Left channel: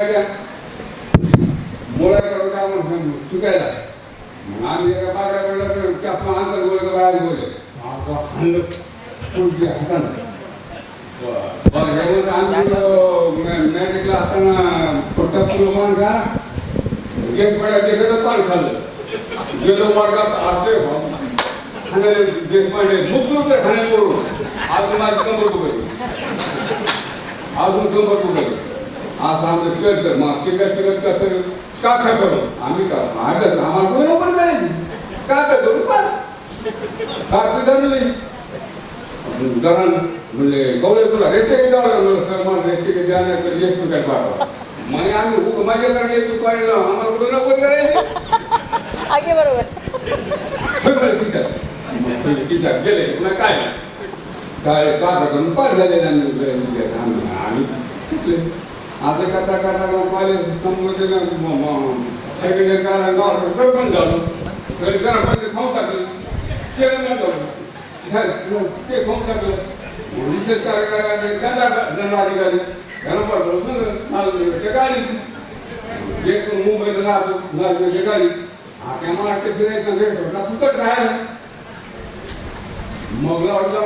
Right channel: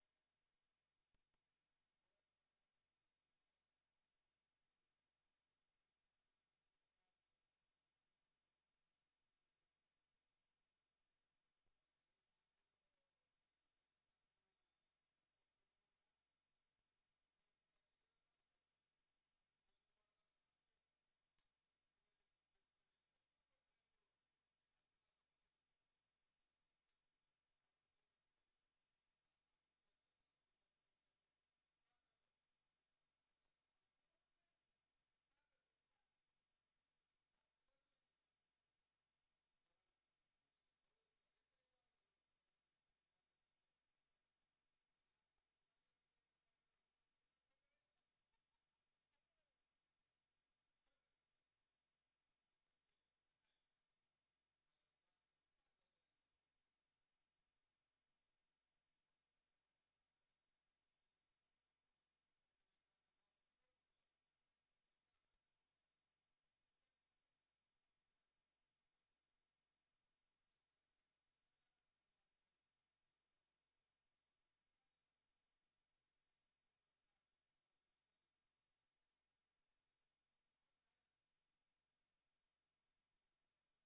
मोळा करून काय म्हणून चुकायला मग आम्ही एका बागड्याकडे त्यातून अंतर बोलतो बाहेर बोलले हाणलं पुढची हातानं मॅजिकला हाताना पट्टा पुरमान का गेस पड्या देखतच पान खाल्लं गेलो वर्गात असे खाणे देश पांडे मुकलो तर खाणे करून अजून माझी कंबर पकड अजून कंबर पकड असं आमचं शिकत मग शिकत कसं का करू आम्ही का आम्हाला बरोबर जाईल का करू बस का धरली धरण म्हणजे गवळे तुला रेटे सर मला रेटे द्यायला यश काय पाठवा मग आम्ही माझ्याकडे तू पाहिलं आम्हाला कुठं नको करायचं आगे बरोबर किशात गेले पुन्हा काय काय का करून पास झाले आम्ही असं करता करता कॉलेज संबोधन सेकंड इयर काढला सरपंच झालो सगळी घरामध्ये खाऊन टाकलं चेअरमॅन झालो ते खाऊन टाकलं विशेष कार्यक्रम दंडाधिकारी घरामध्ये गाडी एक मुंबईला राहतो गाडी आता महाराष्ट्र फिरायचं भेट होता फुकट राहायला मग लावला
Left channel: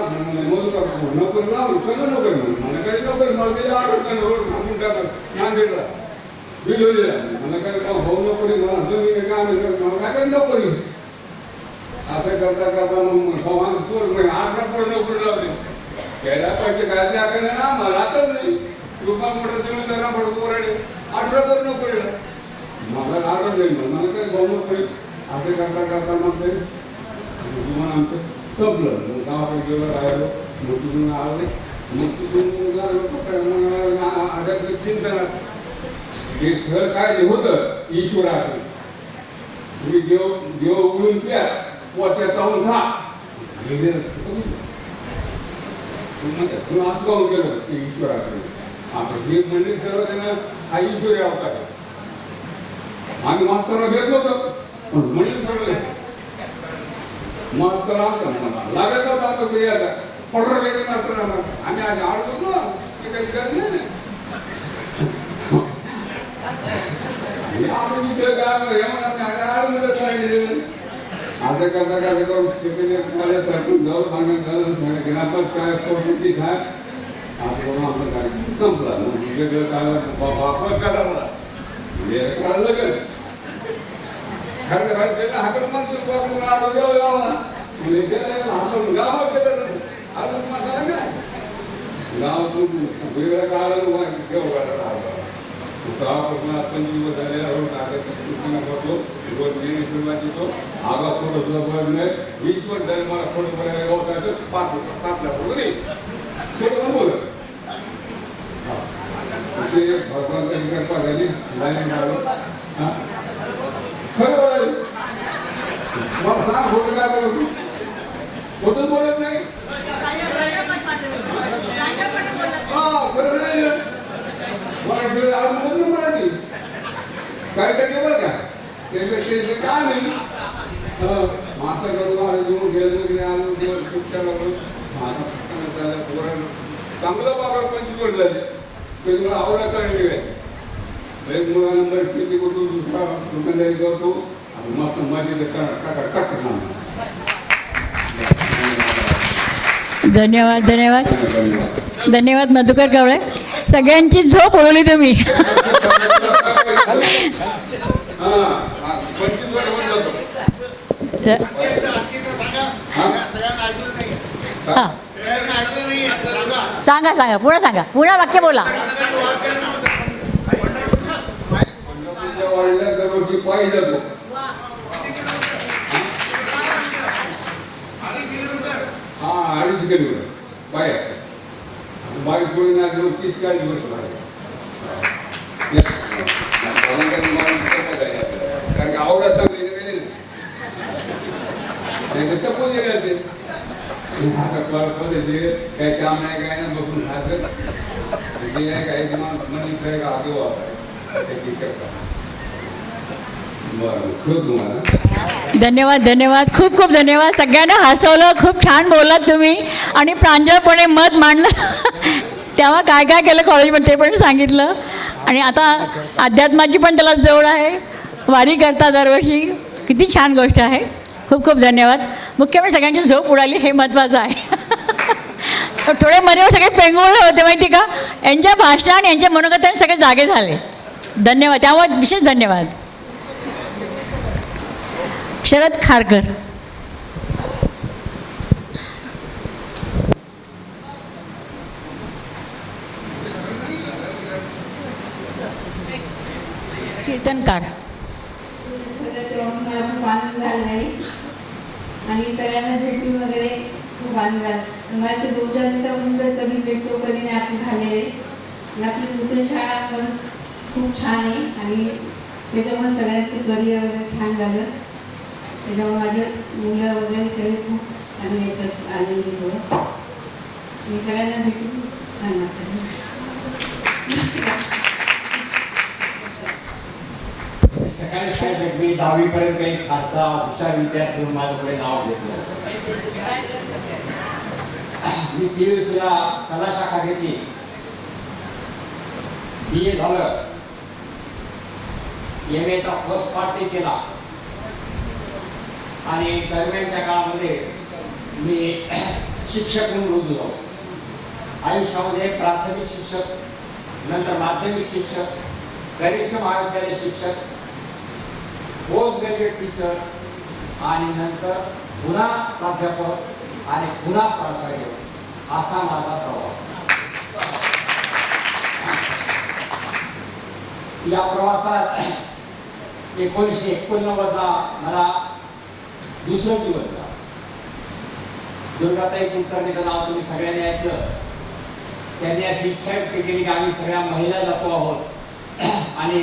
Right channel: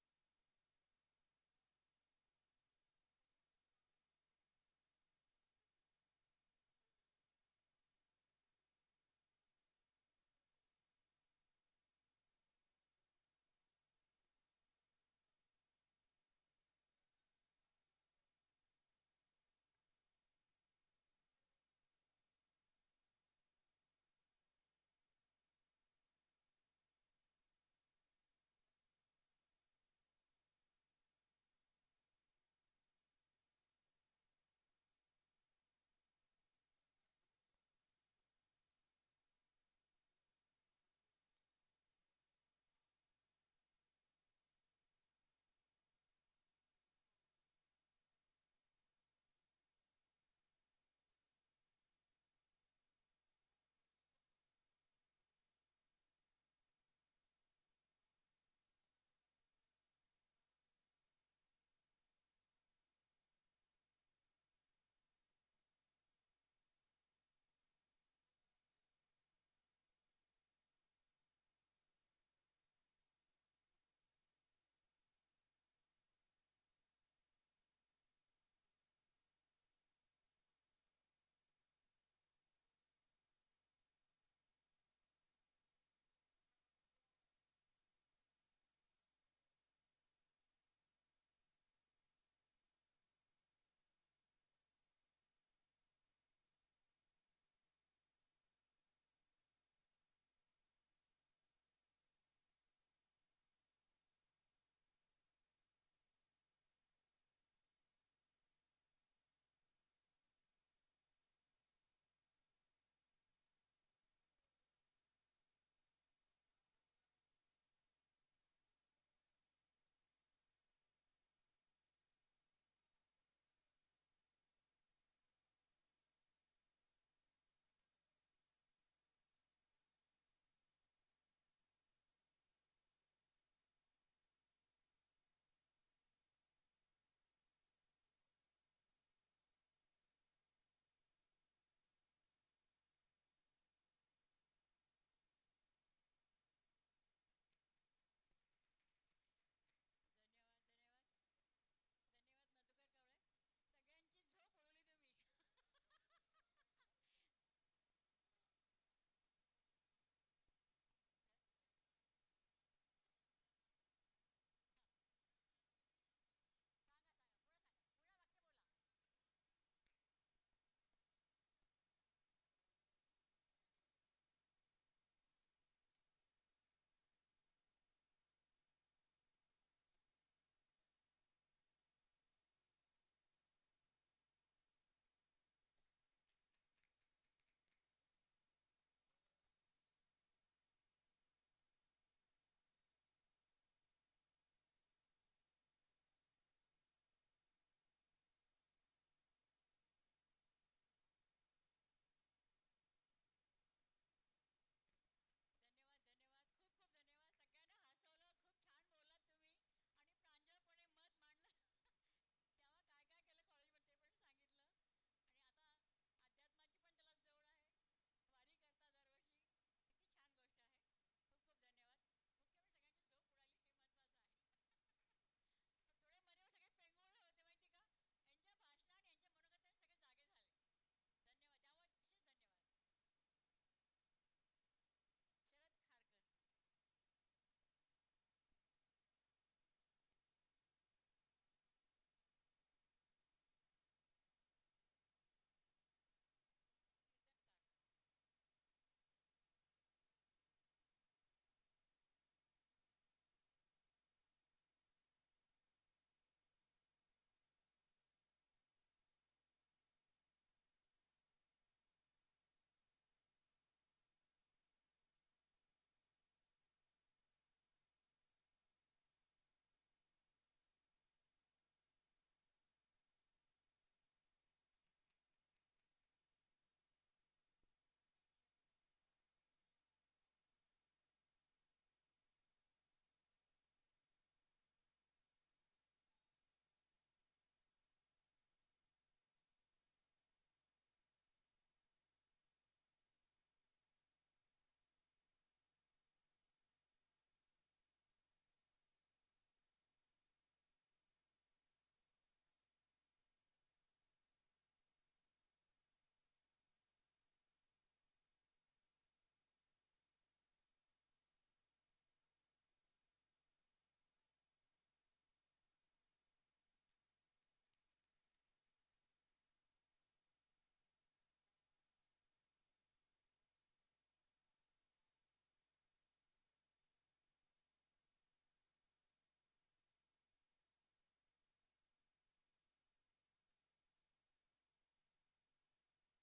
नोकरी लावली सगळं नोकरी मला काही नोकरी मला गेली नांदेडला बिलोलीला मला काय भाऊ नोकरी मला जमीन काम मला काय नोकरी असं करता करता मग भगवान पोर म्हणजे 8 पोर नोकरी लावली त्याला पैसे काय द्याकडे ना मला आताच नाही रुपा मोठं जमीनदारा पडतो पोराडे 18 पोर नोकरीला मला आठच नाही मला काय भाऊ नोकरी असं करता करता मग ते तुम्हाला आमचं संपलं मग गावाकडे गेलो राहिलो मग तिथून आले मग तिथून चिंतनात हे सर काय होतं ईश्वराचं तुम्ही देव उघडून प्या पोत्या चावून खा असं काऊन केलं ते ईश्वराकडे आता हे मंदिर सर्व त्यांना हा ईश्वरी अवतार आम्ही मास्तर भेट होतो पण मंदिर सरले मास्तर लागत होता आता क्रियाला पडर वेगळं मास्तर आम्ही आज आडतो ना ते काही करत नाही आता करता करता करून मला सरकून जाऊ सांगायचं काय परिस्थिती काय असं करून आपलं कार्यक्रम संपला वेगळं काय वापर करा मला म्हणजे कळलं का खरं खरं हाकड माणसं हाकून गावात गेलं अजून माझा काय गावातून वेगळ्या काळाला गावापासून 5 दिवस झालेला रोड करतो रोज नेहमी सुरुवात येतो आगा फोटो तुला बघत नाही 20 वर्ष झाले मला फोटो बघायला गावतायचं 5 फोटो नाही फोटो पण बोलत ते भगवानची कृपा झाली लाईन झालो खरं बोलायला मग सांग फोटो काय बोलत फोटो बोलत नाही खरं नाही मराठी काय काय बरं का ते काय नाही माता करून घेऊन गेलो चांगलं बाबा 25 वर्ष झाले ते मला आवडायचा नाही एक मुला नंबर शेती करतो दुसरा दुकानदारी करतो मस्त माझी टाक धन्यवाद धन्यवाद धन्यवाद मधुकर कावळे सगळ्यांची झोप उडवली तुम्ही सांगा सांगा पुढे सांगा पुन्हा वाक्य बोला अडीच किलोमीटर बाहेर बाईक सोडून 30-40 वर्ष कारण आवडत चांगली टपून गेले काही काम नाही काय ना बघून खायचं काही मनी काय आगे धन्यवाद धन्यवाद खूप खूप धन्यवाद सगळ्यांना हसवलं खूप छान बोललात तुम्ही आणि प्रांजळपणे मत मांडलं तेव्हा काय काय केलं कॉलेजमध्ये ते पण सांगितलं आणि आता अध्यात्माची पण त्याला जवळ आहे, वारी करता दरवर्षी. किती छान गोष्ट आहे. खूप खूप धन्यवाद. मुख्य म्हणजे सगळ्यांची झोप उडाली हे महत्त्वाचं आहे. थोडे मध्ये सगळे पेंगुळले होते माहिती का, यांच्या भाषणाने आणि यांच्या मनोगताने सगळे जागे झाले. धन्यवाद, त्यामुळे विशेष धन्यवाद. शरद खारकर. कीर्तनकार. मला खूप आनंद झाला नाही आणि सगळ्यांना भेटून वगैरे खूप आनंद झाला. मला ते 2-4 दिवसापासून तर कधी भेटतो कधी नाही असं झालेलं आहे. आणि आपली दुसरी शाळा पण खूप छान आहे आणि त्याच्यामुळे सगळ्यांचं करिअर वगैरे छान झालं. त्याच्यामुळे माझे मुलं वगैरे सगळे खूप आणि याच्यात आलेली होतं. मी सगळ्यांना भेटून छान वाटलं. सकाळी शाळेत मी 10वी पर्यंत एक फारसा हुशार विद्यार्थी म्हणून माझ्याकडे नाव घेतलं. मी PUCला कला शाखा घेतली, BA झालं, MA चा फर्स्ट पार्ट केला आणि दरम्यानच्या काळामध्ये मी शिक्षक म्हणून रुजू झालो. आयुष्यामध्ये प्राथमिक शिक्षक, नंतर माध्यमिक शिक्षक, कनिष्ठ महाविद्यालय शिक्षक, पोस्ट ग्रॅज्युएट टीचर आणि नंतर पुन्हा प्राध्यापक आणि पुन्हा प्राचार्य असा माझा प्रवास. या प्रवासात 1989ला मला दुसरं जीवन झालं. दुर्गाताई कुलकर्णीचं नाव तुम्ही सगळ्यांनी ऐकलं. त्यांनी अशी इच्छा व्यक्त केली की आम्ही सगळ्या महिला जातो आहोत आणि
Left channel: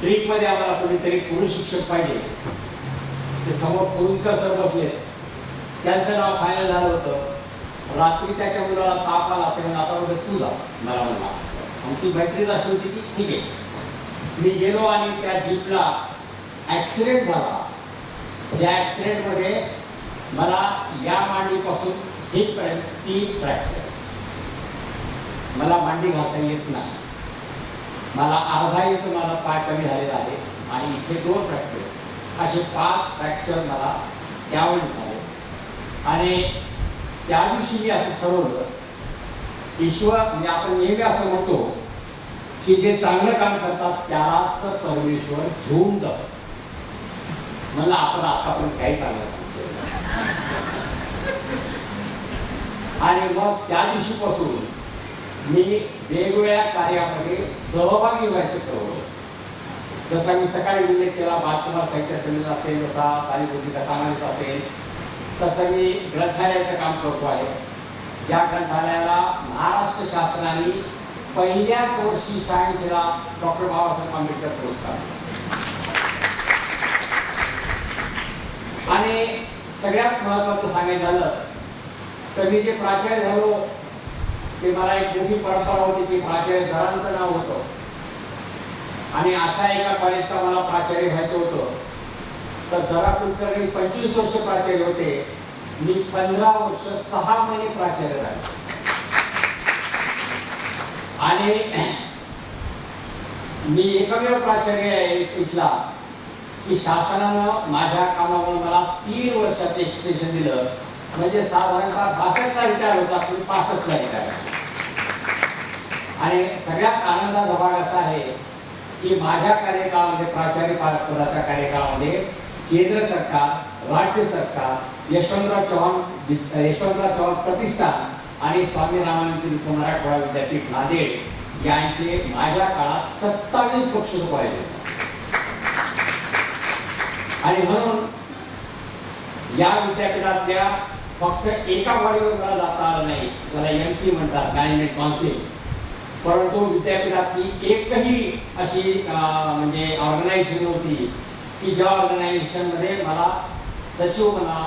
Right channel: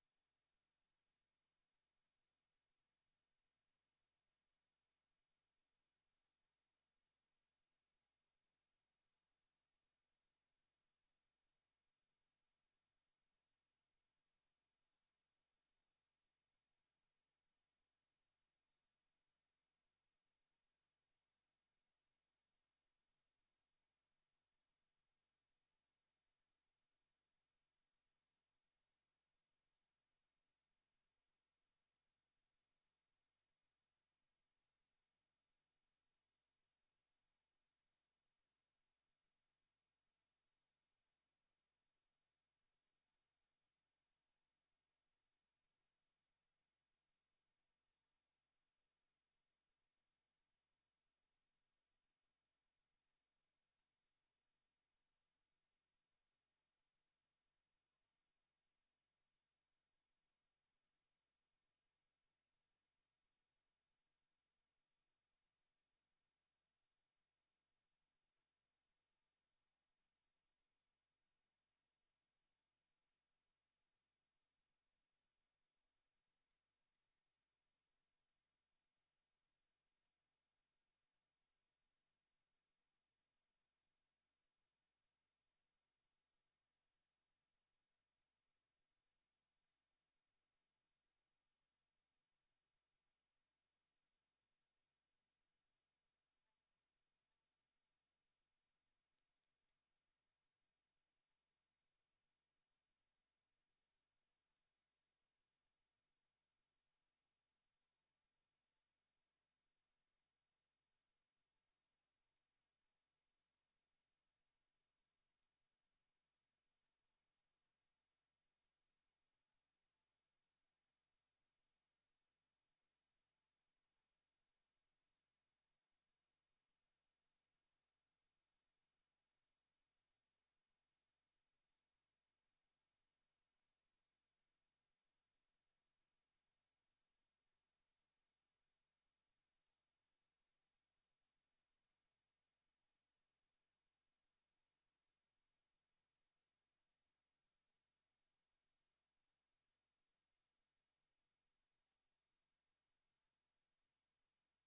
ट्रीपमध्ये आम्हाला कोणीतरी पुरुष शिक्षक पाहिजे. ते समोर पुरुषकर सर बसले, त्यांचं नाव फायनल झालं होतं. रात्री त्याच्या मुलाला ताप आला, ते आता वगैरे तू जा मला म्हणला. आमची मैत्रीच अशी होती की ठीक आहे. मी गेलो आणि त्या जीपला ॲक्सिडेंट झाला. त्या ॲक्सिडेंटमध्ये मला या मांडीपासून हितपर्यंत 3 फ्रॅक्चर. मला मांडी घालता येत नाही. मला अर्धा इंच मला पाय कमी झालेला आहे आणि इथे 2 फ्रॅक्चर, असे 5 फ्रॅक्चर मला त्यावेळी झाले. आणि त्या दिवशी मी असं ठरवलं, ईश्वर म्हणजे आपण नेहमी असं म्हणतो की जे चांगलं काम करतात त्यालाच परमेश्वर घेऊन जातो. मला आपण आतापर्यंत काही चांगलं काम केलं आणि मग त्या दिवशीपासून मी वेगवेगळ्या कार्यामध्ये सहभागी व्हायचं ठरवलं. जसा मी सकाळी उल्लेख केला, बालकुमार साहित्य संमेलन असेल, जसा सारीपुरी कथामालिका असेल, तसं मी ग्रंथालयाचं काम करतो आहे. ज्या ग्रंथालयाला महाराष्ट्र शासनाने पहिल्याच वर्षी 86ला डॉक्टर बाबासाहेब आंबेडकर पुरस्कार. आणि सगळ्यात महत्वाचं सांगायचं झालं तर मी जे प्राचार्य झालो ते मला एक मोठी परंपरा होती की प्राचार्य घरांचं नाव होतं आणि अशा एका कॉलेजचा मला प्राचार्य व्हायचं होतं. तर दरा कुलकर्णी 25 वर्ष प्राचार्य होते. मी 15 वर्ष 6 महिने प्राचार्य राहिले. आणि मी एकमेव प्राचार्य आहे इथला की शासनानं माझ्या कामामुळे मला 3 वर्षाचं एक्सटेन्शन दिलं. म्हणजे साधारणतः 62ला रिटायर होता, तुम्ही 65ला रिटायर. आणि सगळ्यात आनंदाचा भाग असा आहे की माझ्या कार्यकाळामध्ये, प्राचार्य पदाच्या कार्यकाळामध्ये केंद्र सरकार, राज्य सरकार, यशवंतराव चव्हाण प्रतिष्ठान आणि स्वामी रामानंद तीर्थ मराठवाडा विद्यापीठ नांदेड यांचे माझ्या काळात 27 बक्षीस पाहिजे. आणि म्हणून या विद्यापीठातल्या फक्त एका बॉडीवर मला जाता आलं नाही, त्याला MC म्हणतात, मॅनेजमेंट काउन्सिल. परंतु विद्यापीठातली एकही अशी म्हणजे ऑर्गनायझेशन होती की ज्या ऑर्गनायझेशनमध्ये मला सचिव म्हणा,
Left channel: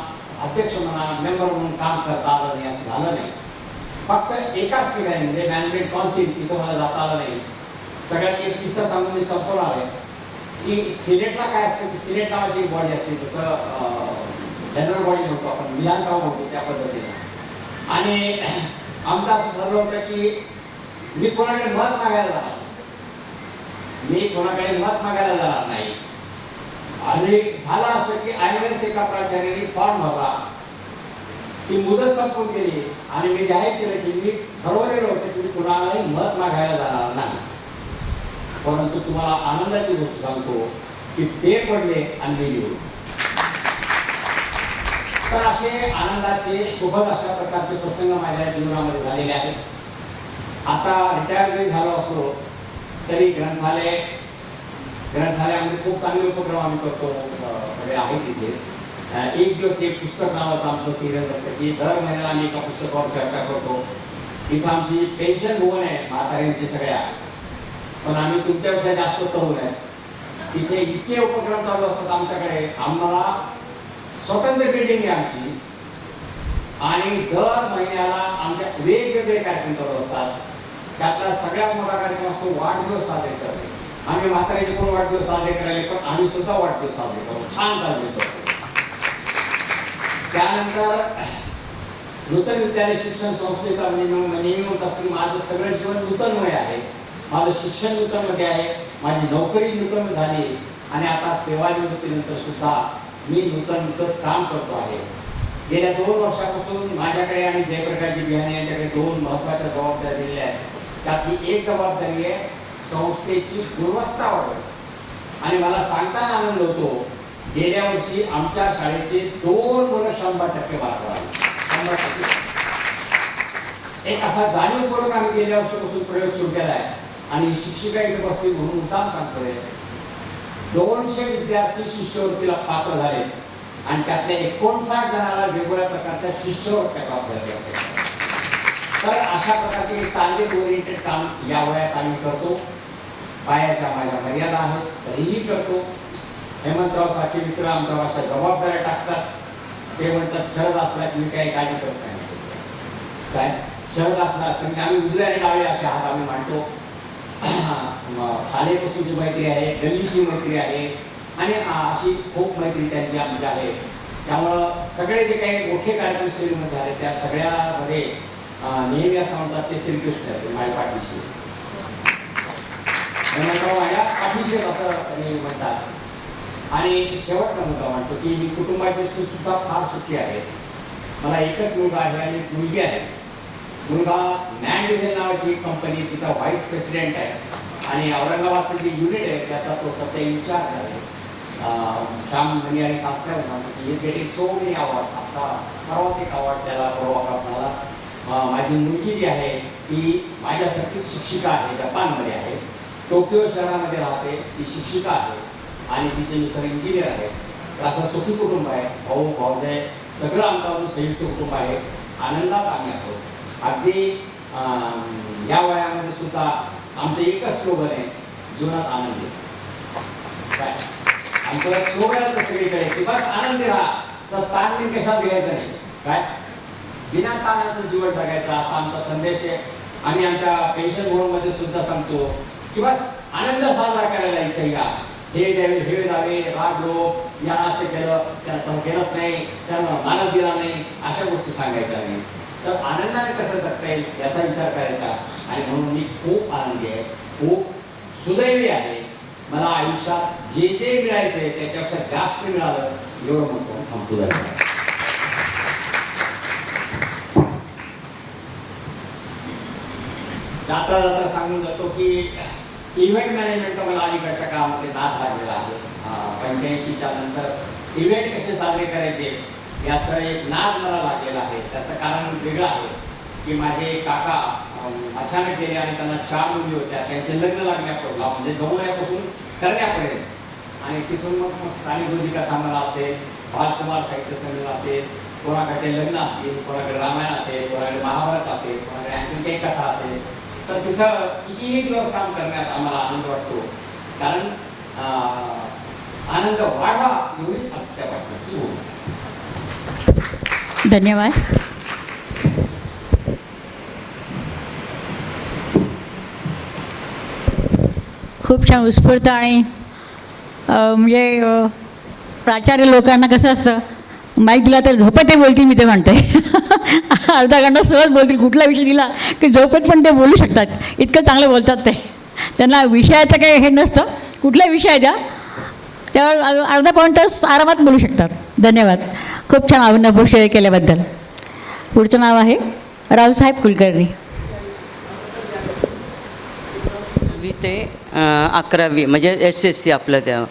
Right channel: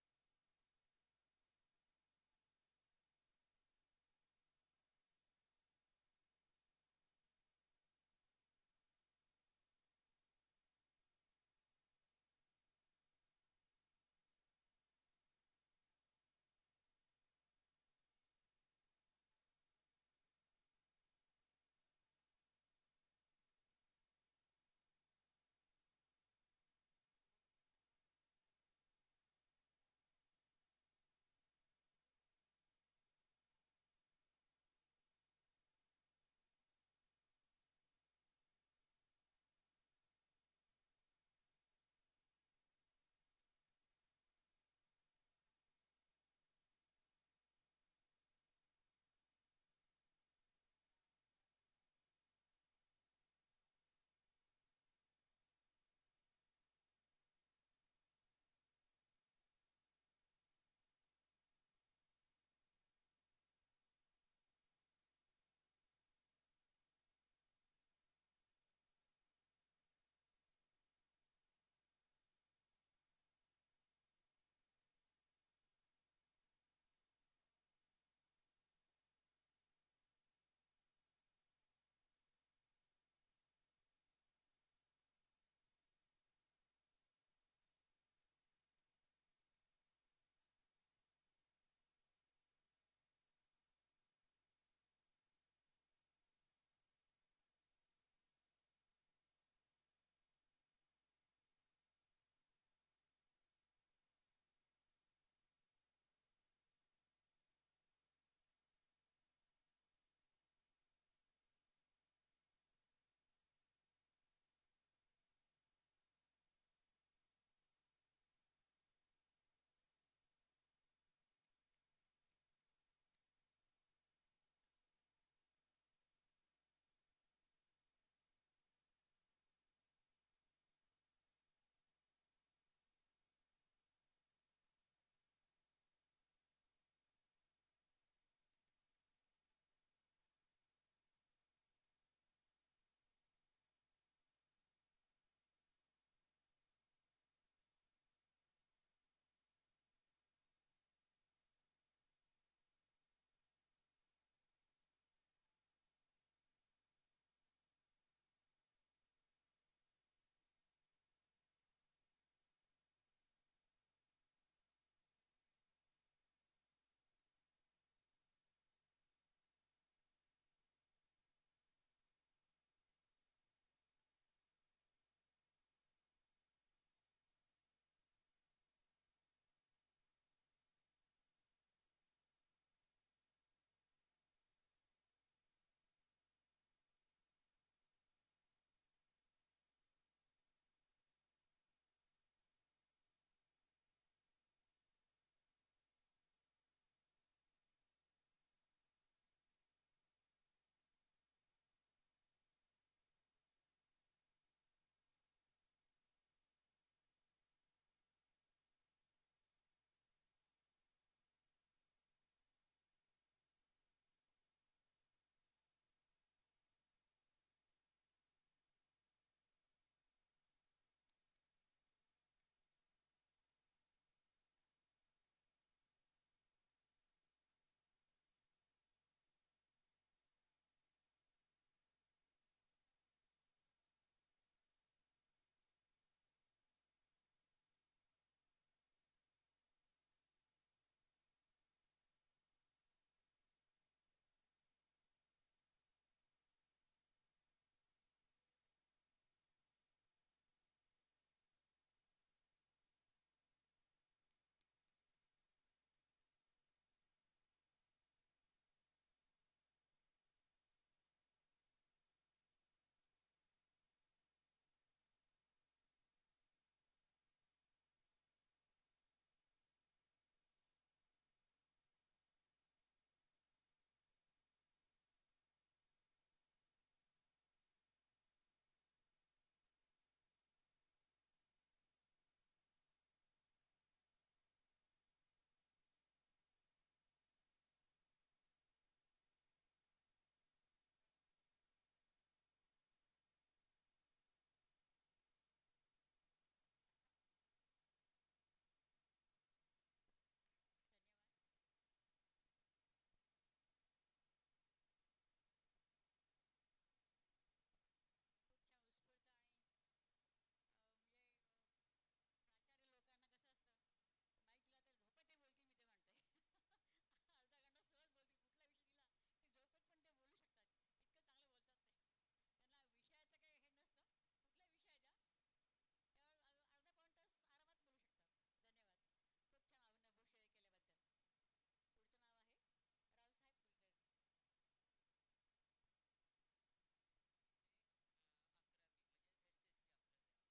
अध्यक्ष म्हणा, मेंबर म्हणून काम करता आलं नाही, असं झालं नाही. फक्त एकाच ठिकाणी म्हणजे मॅनेजमेंट काउन्सिल, तिथं मला जाता आलं नाही. सगळ्यात एक किस्सा सांगून मी संपवणार आहे की सिनेटला काय असतं की सिनेट नावाची एक बॉडी असते, तसं जनरल बॉडी म्हणतो आपण, विधानसभा म्हणतो त्या पद्धतीने. आणि आमचं असं ठरलं होतं की मी कोणाकडे मत मागायला जाणार मी कोणाकडे मत मागायला जाणार नाही. आणि झालं असं की ऐनवेळेस एका प्राचार्याने फॉर्म भरला, ती मुदत संपून गेली आणि मी जाहीर केलं की मी ठरवलेलं होतं की मी कुणालाही मत मागायला जाणार नाही. परंतु तुम्हाला आनंदाची गोष्ट सांगतो की ते पडले आणि मी निवडून. तर असे आनंदाचे सोबत अशा प्रकारचे प्रसंग माझ्या जीवनामध्ये झालेले आहेत. आता रिटायर जरी झालो असलो तरी ग्रंथालयामध्ये खूप चांगले उपक्रम आम्ही करतो. सगळे आहेत तिथे. एक दिवस एक पुस्तक नावाचं आमचं सिरियस असतं की दर महिन्याला आम्ही एका पुस्तकावर चर्चा करतो. इथं आमची पेन्शन भवन आहे म्हाताऱ्यांची सगळ्या, पण आम्ही तुमच्यापेक्षा जास्त तरुण आहे. तिथे इतके उपक्रम चालू असतात आमच्याकडे. आम्हाला स्वतंत्र बिल्डिंग आहे आमची आणि दर महिन्याला आमच्या वेगवेगळे कार्यक्रम चालू असतात. त्यातला सगळ्यात मोठा कार्यक्रम असतो वाढदिवस साजरे करणे. आम्ही म्हाताऱ्याचे कोण वाढदिवस साजरे करायले, पण आम्ही सुद्धा वाढदिवस साजरे करतो, छान साजरे करतो. त्यानंतर नूतन विद्यालय शिक्षण संस्थेचा नेहमी म्हणतात की माझं सगळं जीवन नूतनमय आहे. माझं शिक्षण नूतनमध्ये आहे, माझी नोकरी नूतन झाली आणि आता सेवानिवृत्तीनंतर सुद्धा मी नूतनच काम करतो आहे. गेल्या 2 वर्षापासून माझ्याकडे आणि जयप्रकाशजी बिहाने यांच्याकडे 2 महत्त्वाच्या जबाबदाऱ्या दिलेल्या आहेत. त्यातली एक जबाबदारी आहे संस्थेची गुणवत्ता वाढवणे. आणि मला सांगताना आनंद होतो, गेल्या वर्षी आमच्या शाळेचे 2 मुलं 100% मार्क आले. 100%. एक असा जाणीवपूर्वक आम्ही गेल्या वर्षापासून प्रयोग सुरू केला आहे आणि शिक्षिका इथे बसली म्हणून मुद्दाम सांगतोय. 200 विद्यार्थी शिष्यवृत्तीला पात्र झाले आणि त्यातल्या 59 जणांना वेगवेगळ्या प्रकारच्या शिष्यवृत्त्या प्राप्त झाल्या. तर अशा प्रकारचे टार्गेट ओरिएंटेड काम या वयात आम्ही करतो. पायाच्या माझ्या मर्यादा आहेत तरीही करतो. हेमंतराव सारखे मित्र आमच्या अशा जबाबदाऱ्या टाकतात. ते म्हणतात शरद असला की मी काही काळजी करत नाही. काय शरद असला तर आम्ही उजव्या आणि डावे असे हात आम्ही मांडतो. शाळेपासूनची मैत्री आहे, गल्लीची मैत्री आहे आणि अशी खूप मैत्री त्यांची आमची आहे. त्यामुळं सगळे जे काही मोठे कार्यक्रम श्रेणीमध्ये झाले त्या सगळ्यामध्ये नेहमी असं म्हणतात ते श्रीकृष्ण माझ्या पाठीशी, माझ्या पाठीशी असं म्हणतात. आणि शेवटचा मुद्दा म्हणतो की मी कुटुंबाची सुद्धा फार सुखी आहे. मला एकच मुलगा आहे आणि एक मुलगी आहे. मुलगा मॅन डिझेल नावाची एक कंपनी, तिचा व्हाईस प्रेसिडेंट आहे आणि औरंगाबादचं जे युनिट आहे त्याचा तो सध्या इन्चार्ज आहे. श्याम धनी आणि कास्कर ही गेटिंग सो मेनी अवॉर्ड. आता सर्वाधिक अवॉर्ड त्याला परवा प्राप्त झाला. माझी मुलगी जी आहे ती माझ्यासारखीच शिक्षिका आहे, जपानमध्ये आहे, टोकियो शहरामध्ये राहते. ती शिक्षिका आहे आणि तिचे मिस्टर इंजिनियर आहे. तर असं सुखी कुटुंब आहे. भाऊ भाऊजाई सगळं आमचं संयुक्त कुटुंब आहे. आनंदात आम्ही आहोत. अगदी या वयामध्ये सुद्धा आमचं एकच स्लोगन आहे, जीवनात आनंदी. काय आमचं स्लोगनच सगळीकडे की बस आनंदी राहा, तर ताण कशात घ्यायचं नाही. काय बिना ताणाचं जीवन जगायचं असा आमचा संदेश आहे. आम्ही आमच्या पेन्शन भवनमध्ये सुद्धा सांगतो की बस आनंद साजरा करायला इथे या. हे द्यावे हे द्यावे, राग लोक या असं केलं त्याला केलंच नाही, त्यांना मानत दिला नाही, अशा गोष्टी सांगायच्या नाही. तर आनंदाने कसं जगता येईल याचा विचार करायचा. आणि म्हणून मी खूप आनंदी आहे, खूप सुदैवी आहे. मला आयुष्यात जे जे मिळायचंय त्याच्यापेक्षा जास्त मिळालं एवढं म्हणतो थांबतो जायचं. जाता जाता सांगून जातो की इव्हेंट मॅनेजमेंटचा मला अलीकडच्या काळामध्ये नाद लागलेला आहे. 85च्या नंतर इव्हेंट कसे साजरे करायचे याचा एक नाद मला लागलेला आहे. त्याचं कारण वेगळं आहे की माझे काका अचानक गेले आणि त्यांना 4 मुली होत्या. त्यांचे लग्न लागण्यापूर्वी म्हणजे जमवण्यापासून करण्यापर्यंत आणि तिथून मग साने गुरुजी कथा मला असेल, बालकुमार साहित्य संमेलन असेल, कोणाकडे लग्न असतील, कोणाकडे रामायण असेल, कोणाकडे महाभारत असेल, कोणाकडे आणखी काही कथा असेल. तर तिथं कितीही दिवस काम करण्यात आम्हाला आनंद वाटतो. कारण आनंद वाढवा एवढीच आमच्या वाटतं. धन्यवाद. खूप छान उत्स्फूर्त आणि म्हणजे प्राचार्य लोकांना कसं असतं, माईक दिला तर झोपेत बोलतील मी ते म्हणते. अर्धा घंटा सहज बोलतील, कुठला विषय दिला की झोपेत पण ते बोलू शकतात, इतकं चांगलं बोलतात ते. त्यांना विषयाचं काही हे नसतं, कुठल्या विषय द्या त्यावर अर्धा पाऊण तास आरामात बोलू शकतात. धन्यवाद. खूप छान अनुभव शेअर केल्याबद्दल. पुढचं नाव आहे रावसाहेब कुलकर्णी. ते 11वी म्हणजे SSC आपलं त्या.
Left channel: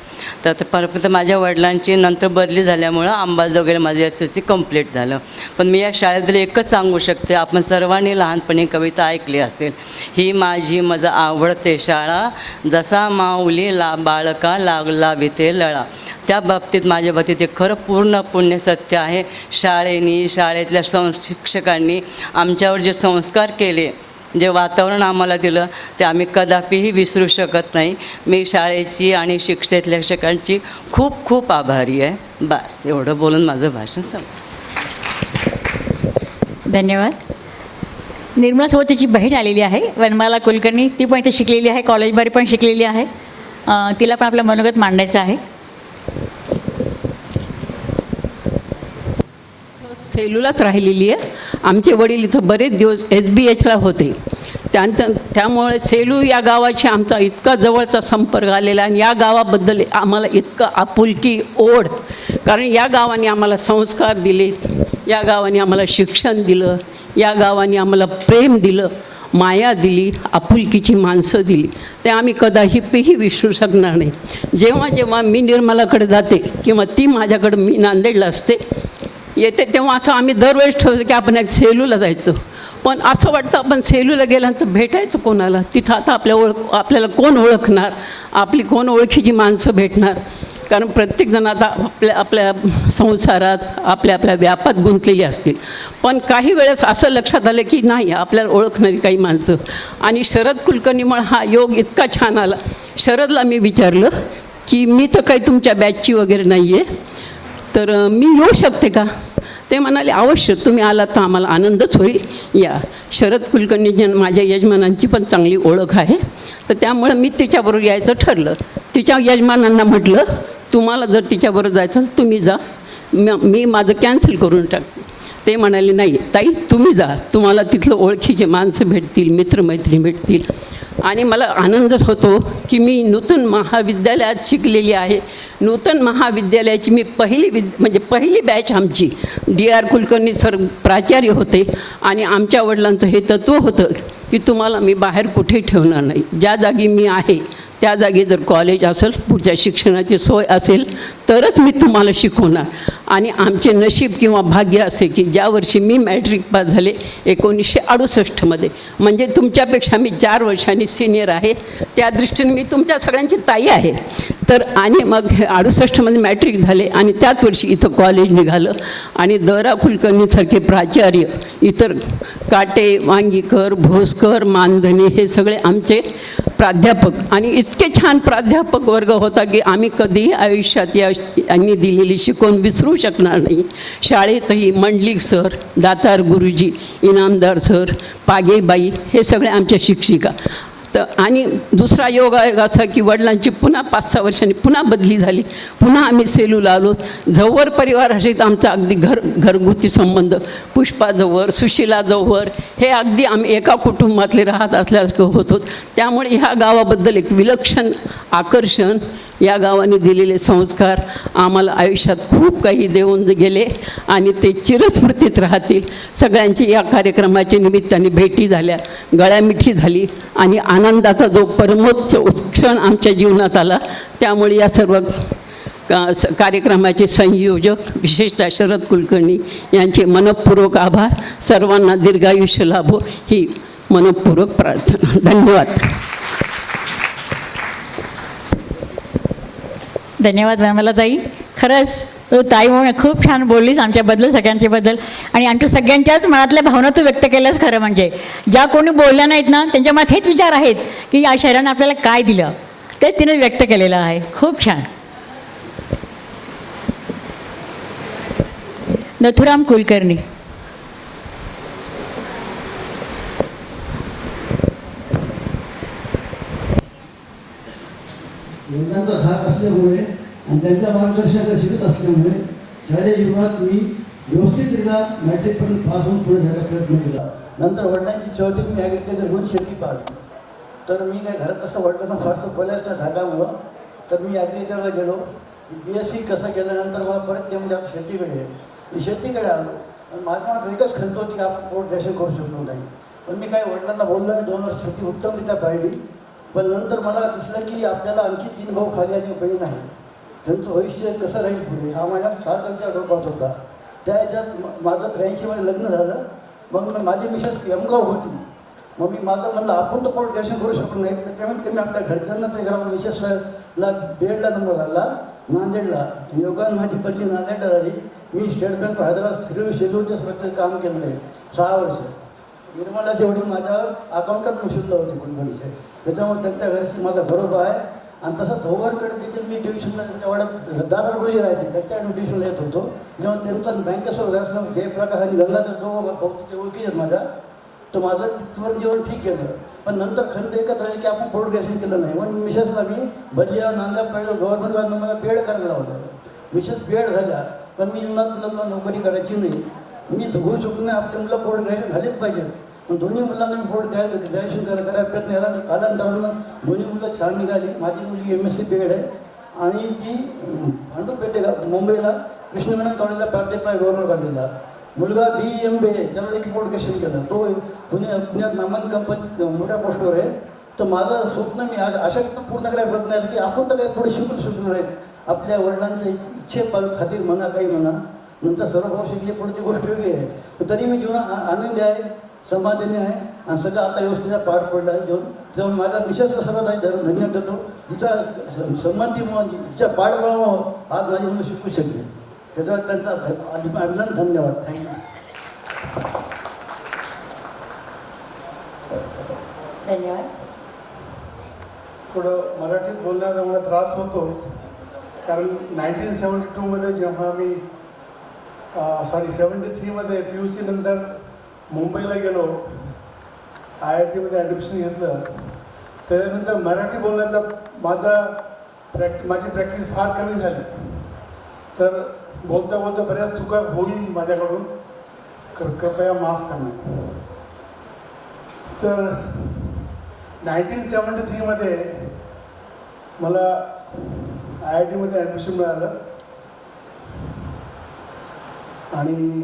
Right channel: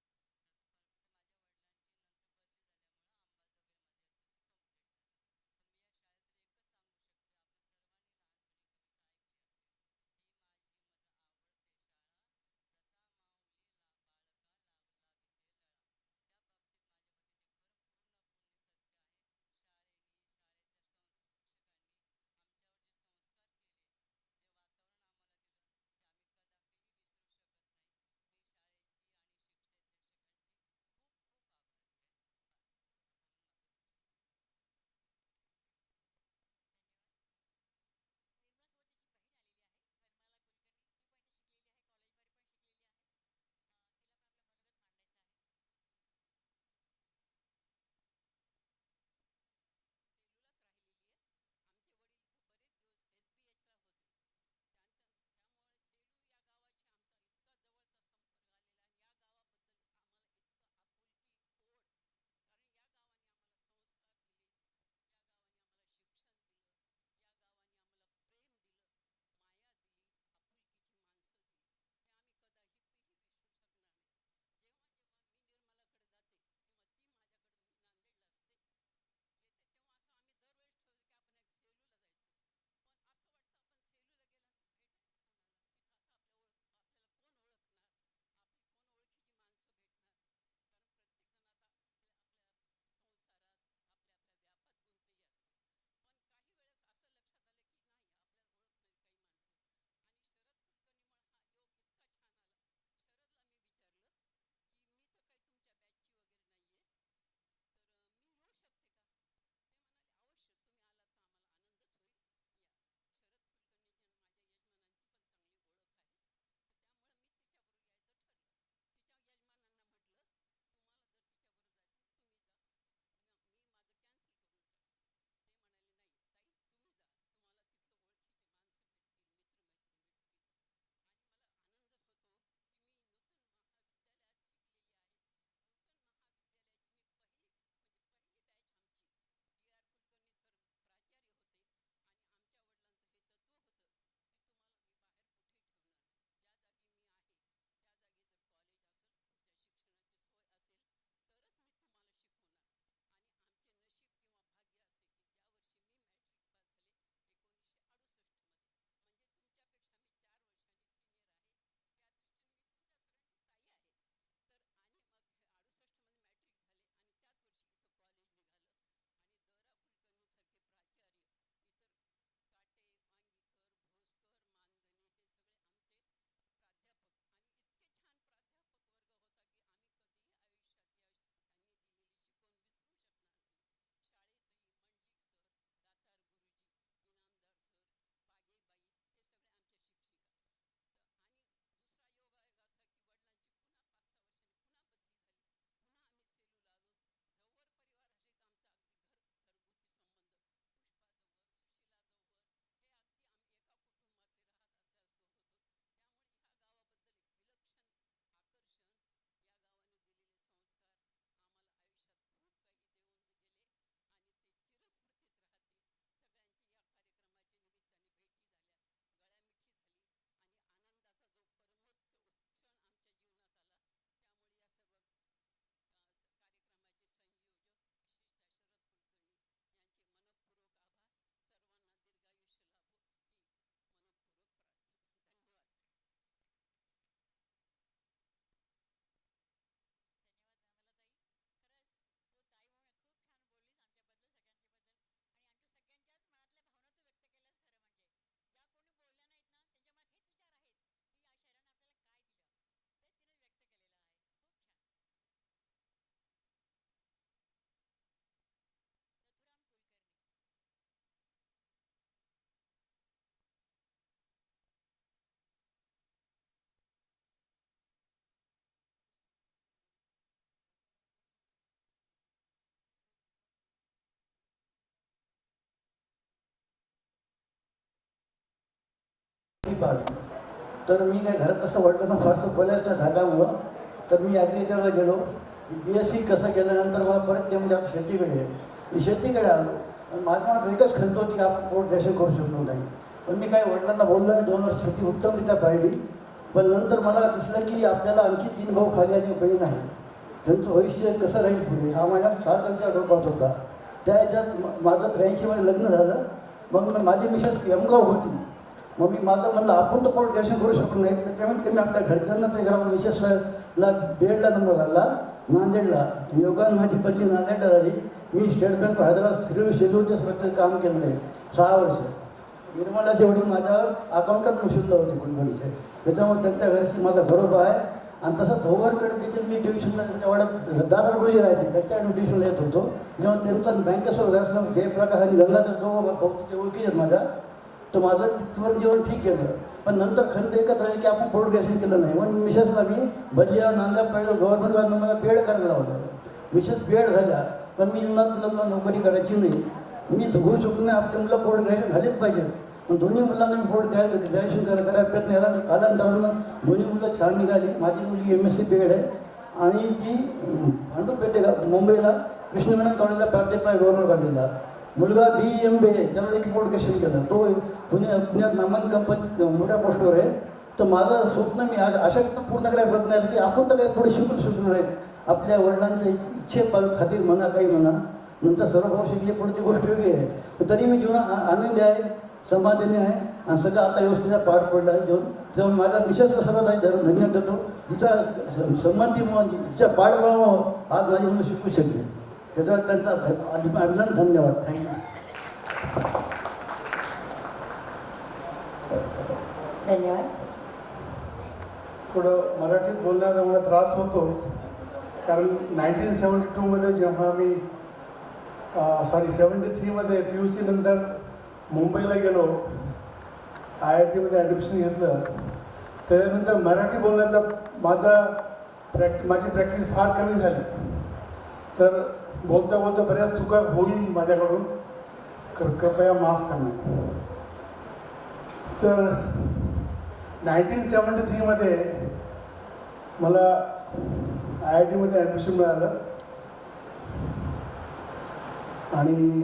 तर परत माझ्या वडिलांची नंतर बदली झाल्यामुळं अंबाजोगाईला माझं SSC कंप्लीट झालं. पण मी या शाळेतलं एकच सांगू शकते, आपण सर्वांनी लहानपणी कविता ऐकली असेल, ही माझी माझं आवडते शाळा, जसा माऊली बाळका लागला विते लळा. त्या बाबतीत माझ्या बाबतीत ते खरं पूर्ण पुण्य सत्य आहे. शाळेतल्या शिक्षकांनी आमच्यावर जे संस्कार केले, जे वातावरण आम्हाला दिलं, ते आम्ही कदापिही विसरू शकत नाही. मी शाळेची आणि शिक्षकांची खूप खूप आभारी आहे. बस एवढं बोलून माझं भाषण संपलं. धन्यवाद. निर्मलासोबत तिची बहीण आलेली आहे वनमाला कुलकर्णी. ती पण इथे शिकलेली आहे, कॉलेजमध्ये पण शिकलेली आहे. तिला पण आपलं मनोगत मांडायचं आहे. सेलूलाच राहिलेली आहे. आमचे वडील इथं बरेच दिवस SBHला होते. त्यामुळे सेलू या गावाशी आमचा इतका जवळचा संपर्क आलेला, आणि या गावाबद्दल आम्हाला इतकं आपुलकी, ओढ, कारण या गावाने आम्हाला संस्कार दिले, या गावाने आम्हाला शिक्षण दिलं, या गावाने आम्हाला प्रेम दिलं, माया दिली, आपुलकीची माणसं दिली. ते आम्ही कदापिही विसरू शकणार नाही. जेव्हा जेव्हा मी निर्मलाकडे जाते किंवा ती माझ्याकडं, मी नांदेडला असते येते, तेव्हा असं आम्ही दरवेळेस ठरवतो की आपण एक सेलूला जायचं. पण असं वाटतं आपण सेलूला गेल्यानंतर भेटायचं कोणाला, तिथं आता आपल्याला कोण ओळखणार, आपली कोण ओळखीची माणसं भेटणार. कारण प्रत्येकजण आता आपल्या संसारात आपल्या व्यापात गुंतलेली असतील. पण काही वेळेस असं लक्षात आलं की नाही, आपल्याला ओळखणारी काही माणसं. आणि शरद कुलकर्णीमुळे हा योग इतका छान आला. शरदला मी विचारलं की मी तर काही तुमच्या बॅचची वगैरे नाही आहे, तर मी येऊ शकते का? ते म्हणाले अवश्य, तुम्ही आलात तर आम्हाला आनंदच होईल, या. शरद कुलकर्णी माझ्या यजमानांची पण चांगली ओळख आहे, तर त्यामुळं मी तिच्याबरोबर यायचं ठरलं. तिच्या यजमानांना म्हटलं तुम्हाला जर तिच्याबरोबर जायचं तर तुम्ही जा, मी माझं कॅन्सल करून टाकते. ते म्हणाले नाही ताई, तुम्ही जा, तुम्हाला तिथलं ओळखीचे माणसं भेटतील, मित्रमैत्रिणी भेटतील. आणि मला आनंदच होतो की मी नूतन महाविद्यालयात शिकलेली आहे. नूतन महाविद्यालयाची मी पहिली बॅच आमची DR कुलकर्णी सर प्राचार्य होते. आणि आमच्या वडिलांचं हे तत्त्व होतं की तुम्हाला मी बाहेर कुठे ठेवणार नाही, ज्या जागी मी आहे त्या जागी जर कॉलेज असेल, पुढच्या शिक्षणाची सोय असेल तरच मी तुम्हाला शिकवणार. आणि आमचे नशीब किंवा भाग्य असे की ज्या वर्षी मी मॅट्रिक पास झाले 1968मध्ये, म्हणजे तुमच्यापेक्षा मी 4 वर्षांनी सिनियर आहे, त्या दृष्टीने मी तुमच्या सगळ्यांची ताई आहे. तर आणि मग 68मध्ये मॅट्रिक झाले आणि त्याच वर्षी इथं कॉलेज निघालं. आणि द.रा. कुलकर्णीसारखे प्राचार्य, इतर काटे, वांगीकर, भोसकर, मानधने हे सगळे आमचे प्राध्यापक. आणि इतके छान प्राध्यापक वर्ग होता की आम्ही कधीही आयुष्यात यांनी दिलेली शिकवण विसरू शकणार नाही. शाळेतही मंडलिक सर, दातार गुरुजी, इनामदार सर, पागेबाई हे सगळे आमच्या शिक्षिका. तर आणि दुसरा योगायोग असा की वडिलांची पुन्हा 5-6 वर्षांनी पुन्हा बदली झाली, पुन्हा आम्ही सेलूला आलो. झंवर परिवाराशी आमचा अगदी घरगुती संबंध, पुष्पा झंवर, सुशिला झंवर हे अगदी आम्ही एका कुटुंबातले राहत असल्यासारखं होतो. त्यामुळे ह्या गावाबद्दल एक विलक्षण आकर्षण, या गावाने दिलेले संस्कार आम्हाला आयुष्यात खूप काही देऊन गेले आणि ते चिरस्मृतीत राहतील. सगळ्यांची या कार्यक्रमाच्या निमित्ताने भेटी झाल्या, गळ्यामिठी झाली आणि आनंदाचा जो परमोच्च क्षण आमच्या जीवनात आला. त्यामुळे या सर्व कार्यक्रमाचे संयोजक विशेषतः शरद कुलकर्णी यांचे मनःपूर्वक आभार. सर्वांना दीर्घायुष्य लाभो ही मनःपूर्वक प्रार्थना. धन्यवाद. धन्यवाद मॅमला ताई. खरंच ताई म्हणून खूप छान बोललीस आमच्याबद्दल, सगळ्यांच्याबद्दल. आणि आमच्या सगळ्यांच्याच मनातल्या भावना तू व्यक्त केल्यास. खरं म्हणजे ज्या कोणी बोलल्या नाहीत ना, त्यांच्या मनात हेच विचार आहेत की या शहरानं आपल्याला काय दिलं, तेच तिने व्यक्त केलेलं आहे. खूप छान. नथुराम कुलकर्णी. वडिलांचा धाक असल्यामुळे आणि त्यांच्या मार्गदर्शनाला शिकत असल्यामुळे शालेय जीवनात मी व्यवस्थितरित्या मॅट्रिकपर्यंत पास होऊन पुढे जायचा प्रयत्न केला. नंतर वडिलांची शेवटी मी ॲग्रिकल्चर म्हणून शेती पाहिली. तर मी काय घरात तसं वडिलांना फारसं बोलायचं नाही धाकामुळं. तर मी ॲग्रिकल्चरला गेलो. BSc कसं केल्यानंतर मला परत ते म्हणजे आता शेतीकडे आहे. मी शेतीकडे आलो आणि माझ्या मनात एकच खंत होती की आपण पोट ग्रॅज्युएशन करू शकलो नाही. पण मी काय वडिलांना बोललो आणि 2 वर्ष शेती उत्तमरित्या पाहिली. पण नंतर मला दिसलं की आपल्याला आणखी 3 भाऊ खाली आणि बहीण आहे, त्यांचं भविष्य कसं राहील पुढे हा माझ्या सारख्या डोक्यात होता. त्या ह्याच्यात माझं 83मध्ये लग्न झालं. मग माझी मिसेस MCOM होती. मग मी माझं म्हणलं आपण तर पोट ग्रॅज्युएशन करू शकलो नाही, तर कमीत कमी आपल्या घरच्यांना ते करा. मिसेसला बीएडला नंबर आला नांदेडला. योगाने माझी बदली नांदेडला झाली. मी State Bank of Hyderabad schedule काम केलेलं आहे 6 वर्ष. निर्मलाचे वडील माझ्या अकाउंटात मुशिल्ला होते कुलकर्णीचे, त्याच्यामुळे त्यांच्या घरची माझा घरोबा आहे. आणि तसं झोवरकडे देखील मी ट्युशनला त्यांच्या वाड्यात दादरगुरुजी राहायचे, त्याच्याकडे ट्युशनला येत होतो. जेव्हा त्यांचा बँकेसोबत असलं जयप्रकाश आणि गंगाधर दोघं बहुतेक ओळखीचे आहेत माझ्या, तर माझं तिथवर जेवण ठीक केलं. पण नंतर खंत एकच राहिली की आपण पोट ग्रॅज्युएशन केलं नाही. म्हणून मिसेसला मी बलिया नांदा पहिलं गव्हर्नमेंटवाल्यानं मला बीएड करायला लावलं. मिसेस बीएड झाल्या. पण मी मुलांना नोकरी करायची नाही. मी होऊ शकलो नाही. आपल्या मुलं पोट ग्रॅज्युएशन झालेच पाहिजेत. पण दोन्ही मुलांना मी पोट ग्रॅज्युएशन करायला प्रयत्न केला. कालांतरानं दोन्ही मुलं छान निघाली. माझी मुलगी MSc बीएड आहे आणि ती भांडूपेठे मुंबईला कृष्णमेनन कॉलेजला प्राध्यापक आहे गव्हर्नमेंट कॉलेजला. मुलगा BMBA त्याला देखील पोट ग्रॅज्युएशन केलं. तो पुण्यात नामान कंपनीत मोठ्या पोस्टवर आहे. तर माझं स्वप्न मी आज अशा पूर्ण करायला प्रयत्न आहे की आपण तर काही पुढे शिकून शकलो नाही. आपल्या वडिलांच्या इच्छे खातीर म्हणा काही म्हणा, नंतर सर्व भाऊ शिकले पुढची गोष्ट वेगळी आहे. तरी मी जीवनात आनंदी आहे, समाधानी आहे आणि सगळं आता व्यवस्थेचा पार पडला आहे. जेव्हा माझ्या मिसेसला सर्वात धन्यवाद देतो. जिचा संबंधीमुळं जिच्या पाठबळामुळं आज माझी मुलं शिकू शकले, त्याचा त्यांचा अभिनंदन, धन्यवाद. थँक्यू. धन्यवाद. थोडं मराठीत बोलण्याचा मला त्रास होतो, कारण 1972मध्ये जेव्हा मी 73मध्ये PUC नंतर मुंबईला गेलो, IITमध्ये ॲडमिशन घेतलं. त्याच्यानंतर मराठी बोलण्याचा माझी प्रॅक्टिस फार कमी झाली. तर बोलता बोलता बऱ्याच चुका होईल माझ्याकडून, कृपया माफ करणे. तर 1973मध्ये मला IITमध्ये ॲडमिशन मिळालं आणि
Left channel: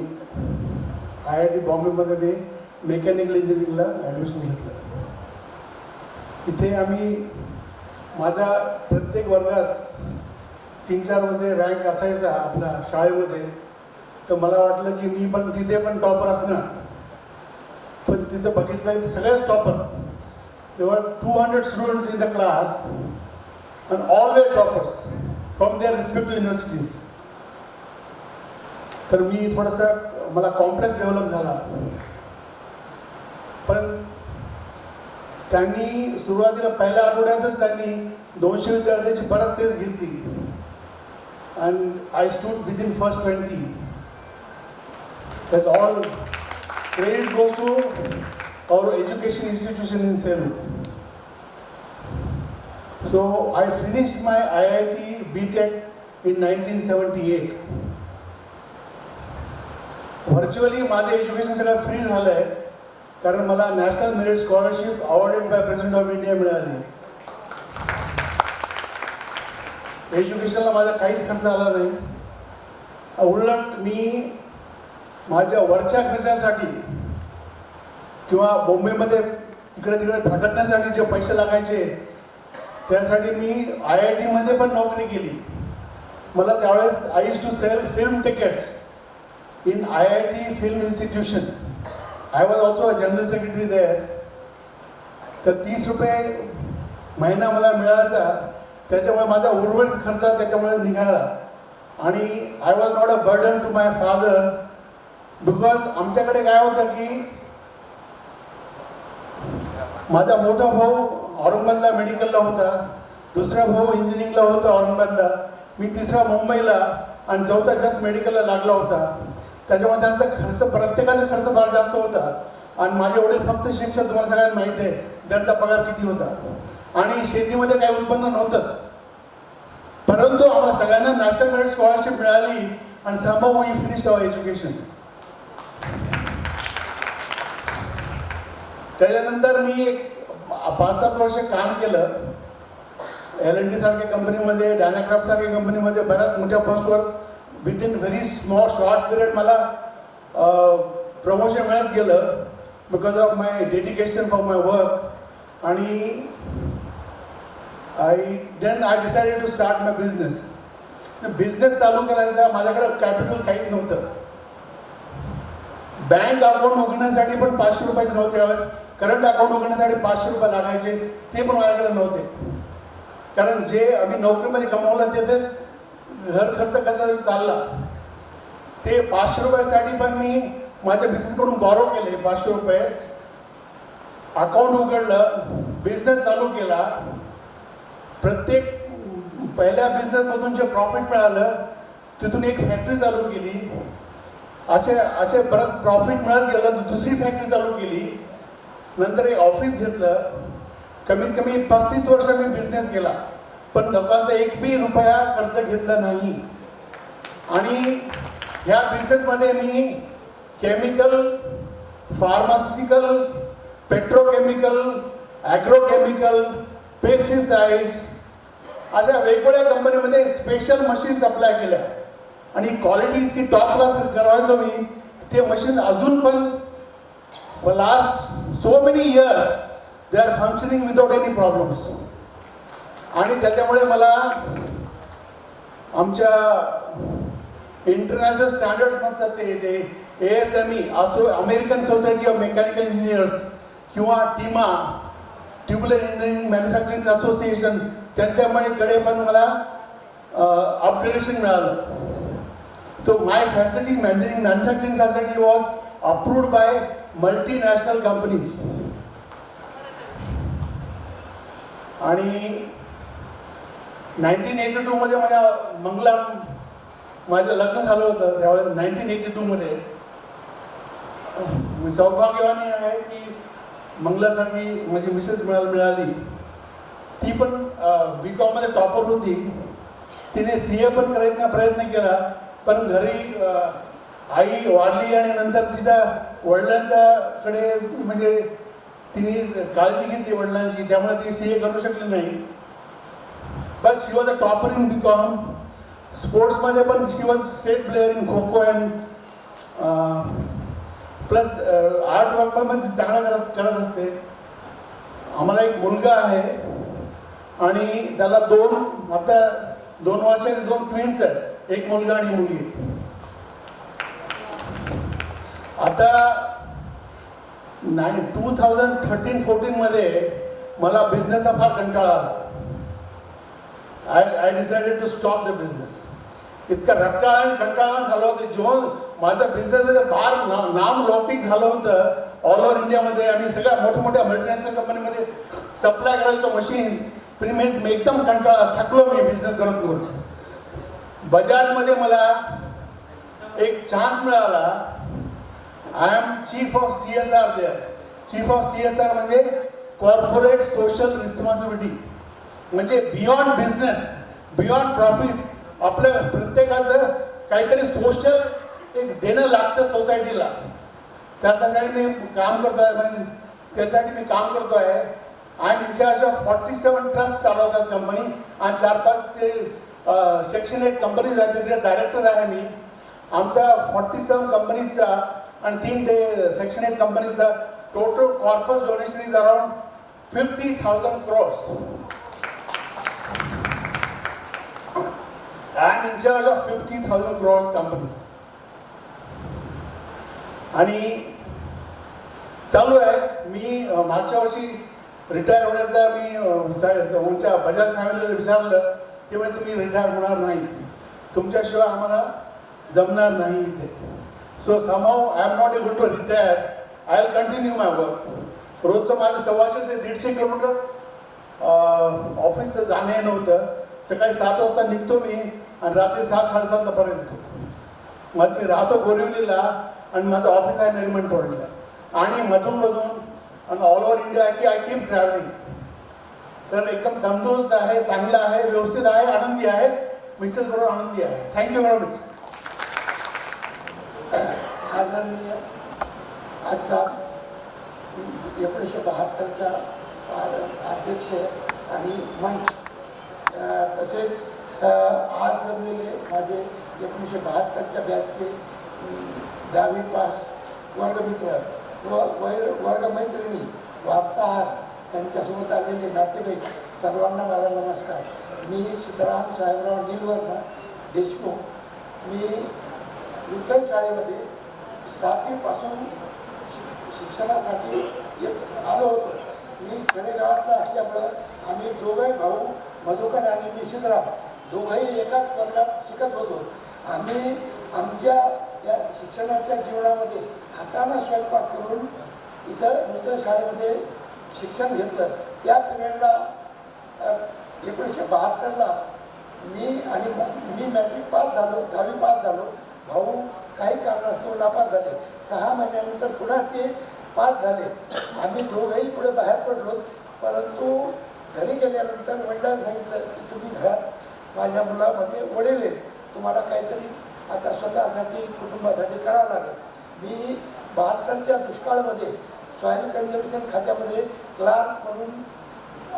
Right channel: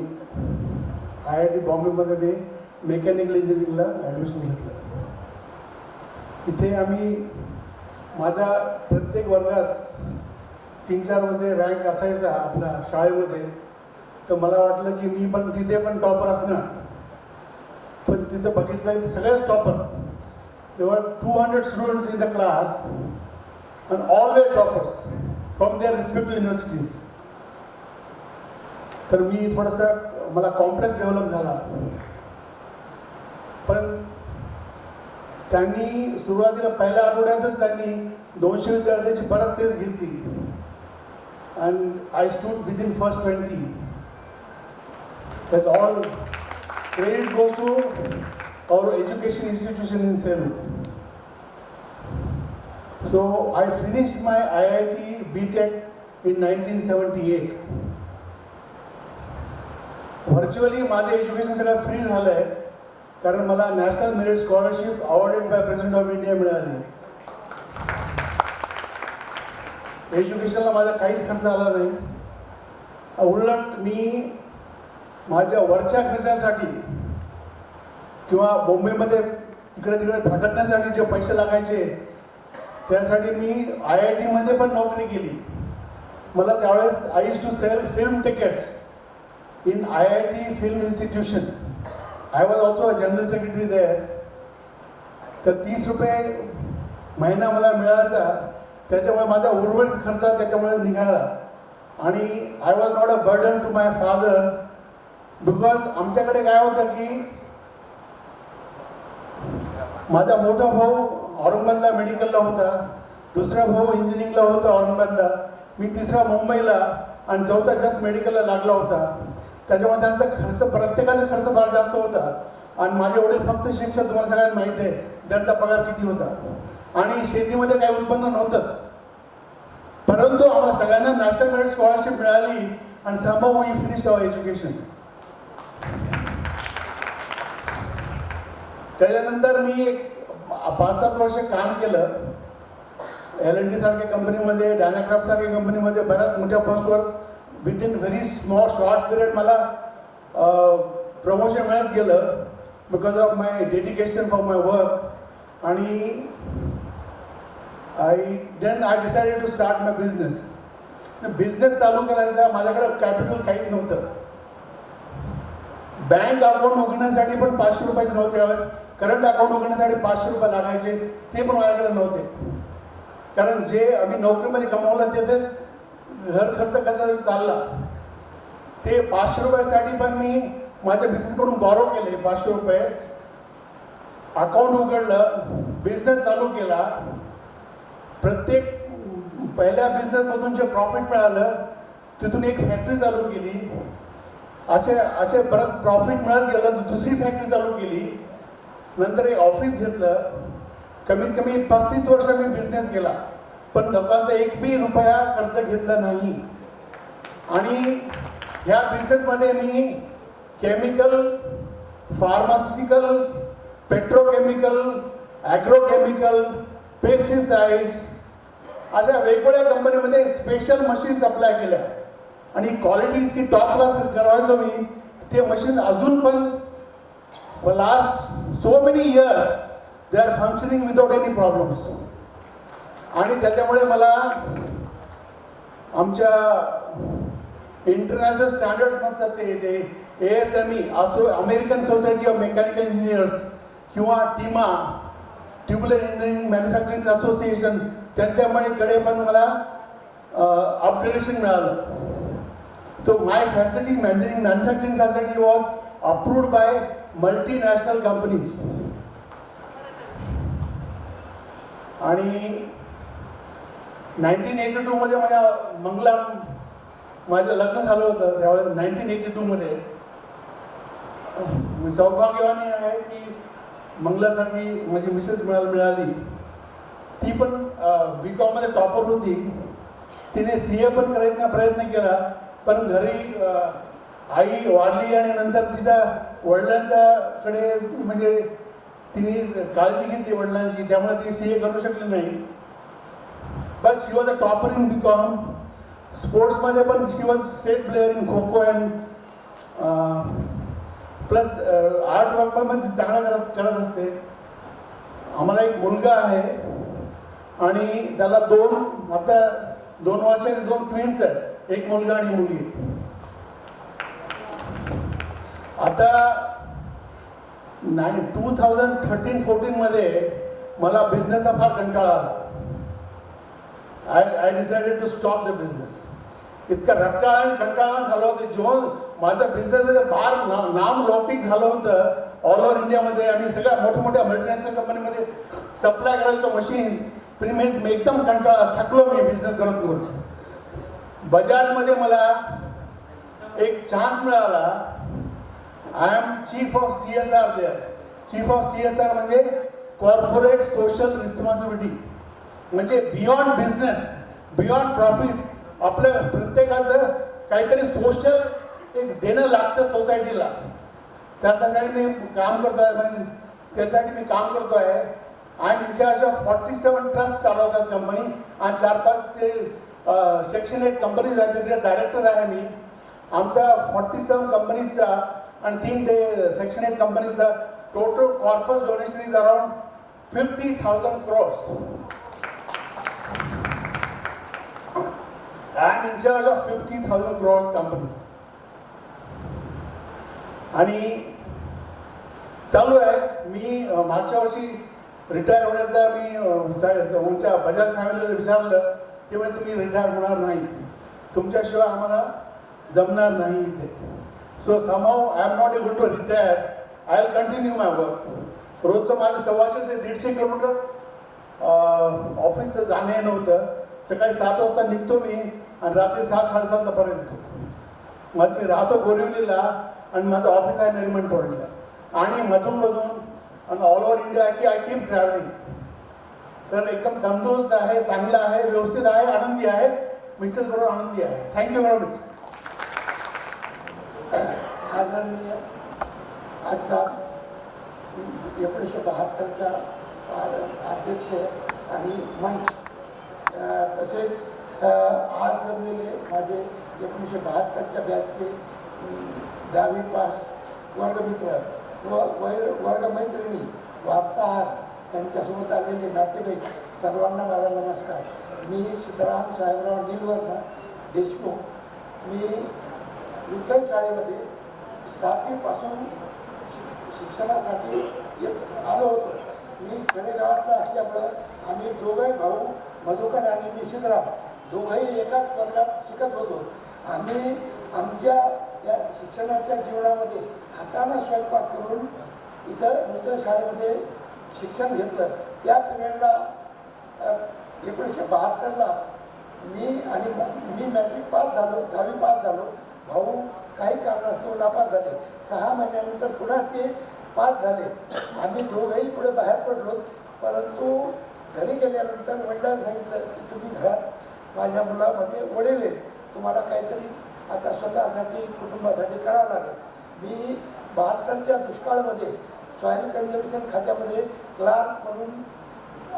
IIT बॉम्बेमध्ये मी मेकॅनिकल इंजिनिअरिंगला ॲडमिशन घेतलं. इथे आम्ही माझा प्रत्येक वर्गात 3-4 मध्ये रँक असायचा आपल्या शाळेमध्ये. तर मला वाटलं की मी पण तिथे पण टॉपर असणार. पण तिथं बघितलं की सगळेच topper. There were 200 students in the class and all were toppers from their respective universities. तर मी थोडंसं मला कॉम्प्लेक्स डेव्हलप झाला. पण त्यांनी सुरुवातीला पहिल्या आठवड्यातच त्यांनी 200 विद्यार्थ्यांची परत टेस्ट घेतली and I stood within first 20. That's all. Credit goes to our education institution in Selu. So I finished my IIT BTech in 1978. Virtually माझं एज्युकेशन सगळं फ्री झालं आहे, कारण मला national merit scholarship awarded by president of India मिळाली. एज्युकेशनला माझा काहीच खर्च आला नाही. उलट मी माझ्या वरच्या खर्चासाठी किंवा मुंबईमध्ये इकडे तिकडे भटकण्यासाठी जे पैसे लागायचे त्यासाठी मी IITमध्ये पण नोकरी केली. मला त्यावेळेस I used to sell film tickets in IIT Film Institution. I was also a general secretary there. तर 30 रुपये महिना मला मिळायचा. त्याच्यामुळे माझा उर्वरित खर्च त्याच्यामुळे निघाला. आणि I was not a burden to my father, because आमच्याकडे काय होतं की माझा मोठा भाऊ औरंगाबादला मेडिकलला होता, दुसरा भाऊ इंजिनिअरिंगला होता औरंगाबादला, मी तिसरा मुंबईला आणि चौथा जस्ट मेडिकलला लागला होता. त्याच्यामुळे त्यांचा खर्च, प्रत्येकाचा खर्च फार जास्त होता. आणि माझे वडील फक्त शिक्षक, तुम्हाला सगळ्यांना माहीत आहे त्यांचा पगार किती होता. आणि शेतीमध्ये काही उत्पन्न नव्हतंच. परंतु आम्हाला सगळ्यांना नॅशनल मेरिट स्कॉलरशिप मिळाली आणि somehow we finished our education. त्याच्यानंतर मी 5-7 वर्ष काम केलं. L&T सारख्या कंपनीमध्ये, डायनाक्राफ्ट सारख्या कंपनीमध्ये बऱ्याच मोठ्या पोस्टवर विदिन व्हेरी शॉर्ट पिरियड मला प्रमोशन मिळत गेलं because of my dedication for my work. आणि I decided to start my business. Business चालू करायचा माझ्याकडे कॅपिटल काहीच नव्हतं. बँक अकाउंट उघडण्यासाठी पण 500 रुपयाचे नव्हते. त्यावेळेस करंट अकाउंट उघडण्यासाठी 500 रुपये लागायचे, ते पण माझ्याकडे नव्हते. कारण जे आम्ही नोकरीमध्ये कमावलं तेथेच घर खर्च कसा चालला. ते 500 रुपयासाठी पण मी माझ्या बिझनेसकडून बॉरो केले 500 रुपये. अकाउंट उघडलं, बिझनेस चालू केला. प्रत्येक पहिल्या बिझनेसमधून जे प्रॉफिट मिळालं तिथून एक फॅक्टरी चालू केली. असे परत प्रॉफिट मिळत गेलं तर दुसरी फॅक्टरी चालू केली. नंतर एक ऑफिस घेतलं. कमीत कमी 35 वर्ष मी बिझनेस केला, पण लोकांचा 1 रुपया खर्च घेतला नाही. आणि ह्या बिझनेसमध्ये मी केमिकल, फार्मास्युटिकल, पेट्रोकेमिकल, ॲग्रोकेमिकल, पेस्टिसाइड्स अशा वेगवेगळ्या कंपनीमध्ये स्पेशल मशीन सप्लाय केल्या. आणि क्वालिटी इतकी टॉप क्लास करायचो मी. ते मशीन अजून पण last so many years they are functioning without any problems. आणि त्याच्यामुळे मला आमच्या इंटरनॅशनल स्टँडर्ड्स नसतात ते ASME असो, American society of mechanical engineers किंवा टीमा, ट्युबुलर इंजिनिअरिंग मॅन्युफॅक्चरिंग असोसिएशन, त्यांच्याकडे पण मला अपग्रेडेशन मिळालं. तो my facility manufacturing facility was approved by multinational companies. आणि 1982 मध्ये माझं लग्न झालं होतं. त्यावेळेस 1982 मध्ये मी सौभाग्यवानी आहे की मंगलासारखी माझी मिसेस मिळाली. ती पण BCom मध्ये टॉपर होती. तिने CA पण करायचा प्रयत्न केला, पण घरी आई वारली आणि नंतर तिच्या वडिलांच्याकडे म्हणजे तिने काळजी घेतली वडिलांची, त्यामुळे ती CA करू शकली नाही. But she was a topper in BCom. स्पोर्ट्समध्ये पण she was state player in kho kho and plus art work पण चांगला करत असते. आम्हाला एक मुलगा आहे आणि त्याला आता 2 वर्षाचे 2 ट्विन्स आहेत, एक मुलगा आणि मुलगी. आता 2013-14 मध्ये मला बिझनेसचा फार कंटाळा आला. I decided to stop the business. इतका रट्टाळा आणि कंटाळा झाला होता. जेव्हा माझं बिझनेसमध्ये फार नामलौकिक झालं होतं ऑल ओव्हर इंडियामध्ये. आम्ही सगळ्या मोठ्या मोठ्या कंपनीमध्ये सप्लाय करायचो मशीन्स. पण मी एकदम कंटाळा थकलो मी बिझनेस करत करून. बजाजमध्ये मला एक चान्स मिळाला. I am chief of CSR there. Chief of CSR म्हणजे कॉर्पोरेट सोशल रिस्पॉन्सिबिलिटी. म्हणजे बियॉन्ड बिझनेस, बियॉन्ड प्रॉफिट आपलं प्रत्येकाचं काहीतरी सोशल एक देणं लागतं सोसायटीला. त्यासाठी मी काम करतो आहे. त्यासाठी मी काम करतो आहे. आणि इन्चार्ज ऑफ 47 ट्रस्ट चालवतात कंपनी आणि 4-5 ते सेक्शन 8 कंपनीज आहेत, तिथे डायरेक्टर आहे मी. आमचा 47 कंपनीजचा आणि 3 ते सेक्शन 8 कंपनीजचा total corpus donation is around 50,000 crores. I'm in charge of 50,000 crores companies. आणि चालू आहे. मी मागच्या वर्षी रिटायर होण्याचा मी आमच्या बजाज फॅमिलीला विचारलं, ते म्हणजे तुम्ही रिटायर होणार नाही, तुमच्याशिवाय आम्हाला जमणार नाही इथे. So somehow I am not able to retire. I will continue my work. रोजचं माझं 100 ते 150 किलोमीटर ऑफिसचं जाणं येणं होतं. सकाळी 7 वाजता निघतो मी आणि रात्री 7-7:30 परत येतो. मी राहतो बोरिवलीला आणि माझं ऑफिस आहे नरिमन टोळीला. आणि मधून आणि ऑल ओव्हर इंडिया की आय कीप ट्रॅव्हलिंग. तर एकदम तंदुरुस्त आहे, चांगलं आहे, व्यवस्थित आहे, आनंदी आहे. मिसेस बरोबर आनंदी आहे. Thank you very much. आदरणीय आजचा 1972चा अध्यक्ष आणि मंच तसेच आज जमलेले माझे 1972च्या बॅचचे 10वी पास वर्गमित्र व वर्गमैत्रिणी वार्ताहर त्यांच्यासोबत आलेले नातेवाईक सर्वांना माझा नमस्कार. मी सीताराम साहेबराव नीलवर्मा देशमुख. मी विठ्ठल शाळेमध्ये 7वीपासून शिक्षणासाठी येत आलो होतो. मी खेडेगावातला असल्यामुळं आम्ही दोघंही भाऊ मधुकर आणि मी सीताराम दोघंही एकाच वर्गात शिकत होतो. आम्ही आमच्या या शिक्षणाच्या जीवनामध्ये हाताने स्वयंपाक करून इथं नूतन शाळेमध्ये शिक्षण घेतलं. त्या पिरियडला 1972ला मी मॅट्रिक पास झालो, 10वी पास झालो. भाऊ काही कारणास्तव नापास झाले. 6 महिन्यानंतर पुन्हा ते पास झाले. आम्ही दोघंही पुढे बाहेर पडलो. परंतु घरी गेल्यानंतर वडिलांनी सांगितलं की तुम्ही घरात माझ्या मुलामध्ये वडील आहेत, तुम्हाला काहीतरी आता स्वतःसाठी कुटुंबासाठी करावं लागेल. मी 72च्या दुष्काळामध्ये सॉईल कन्झर्वेशन खात्यामध्ये क्लार्क म्हणून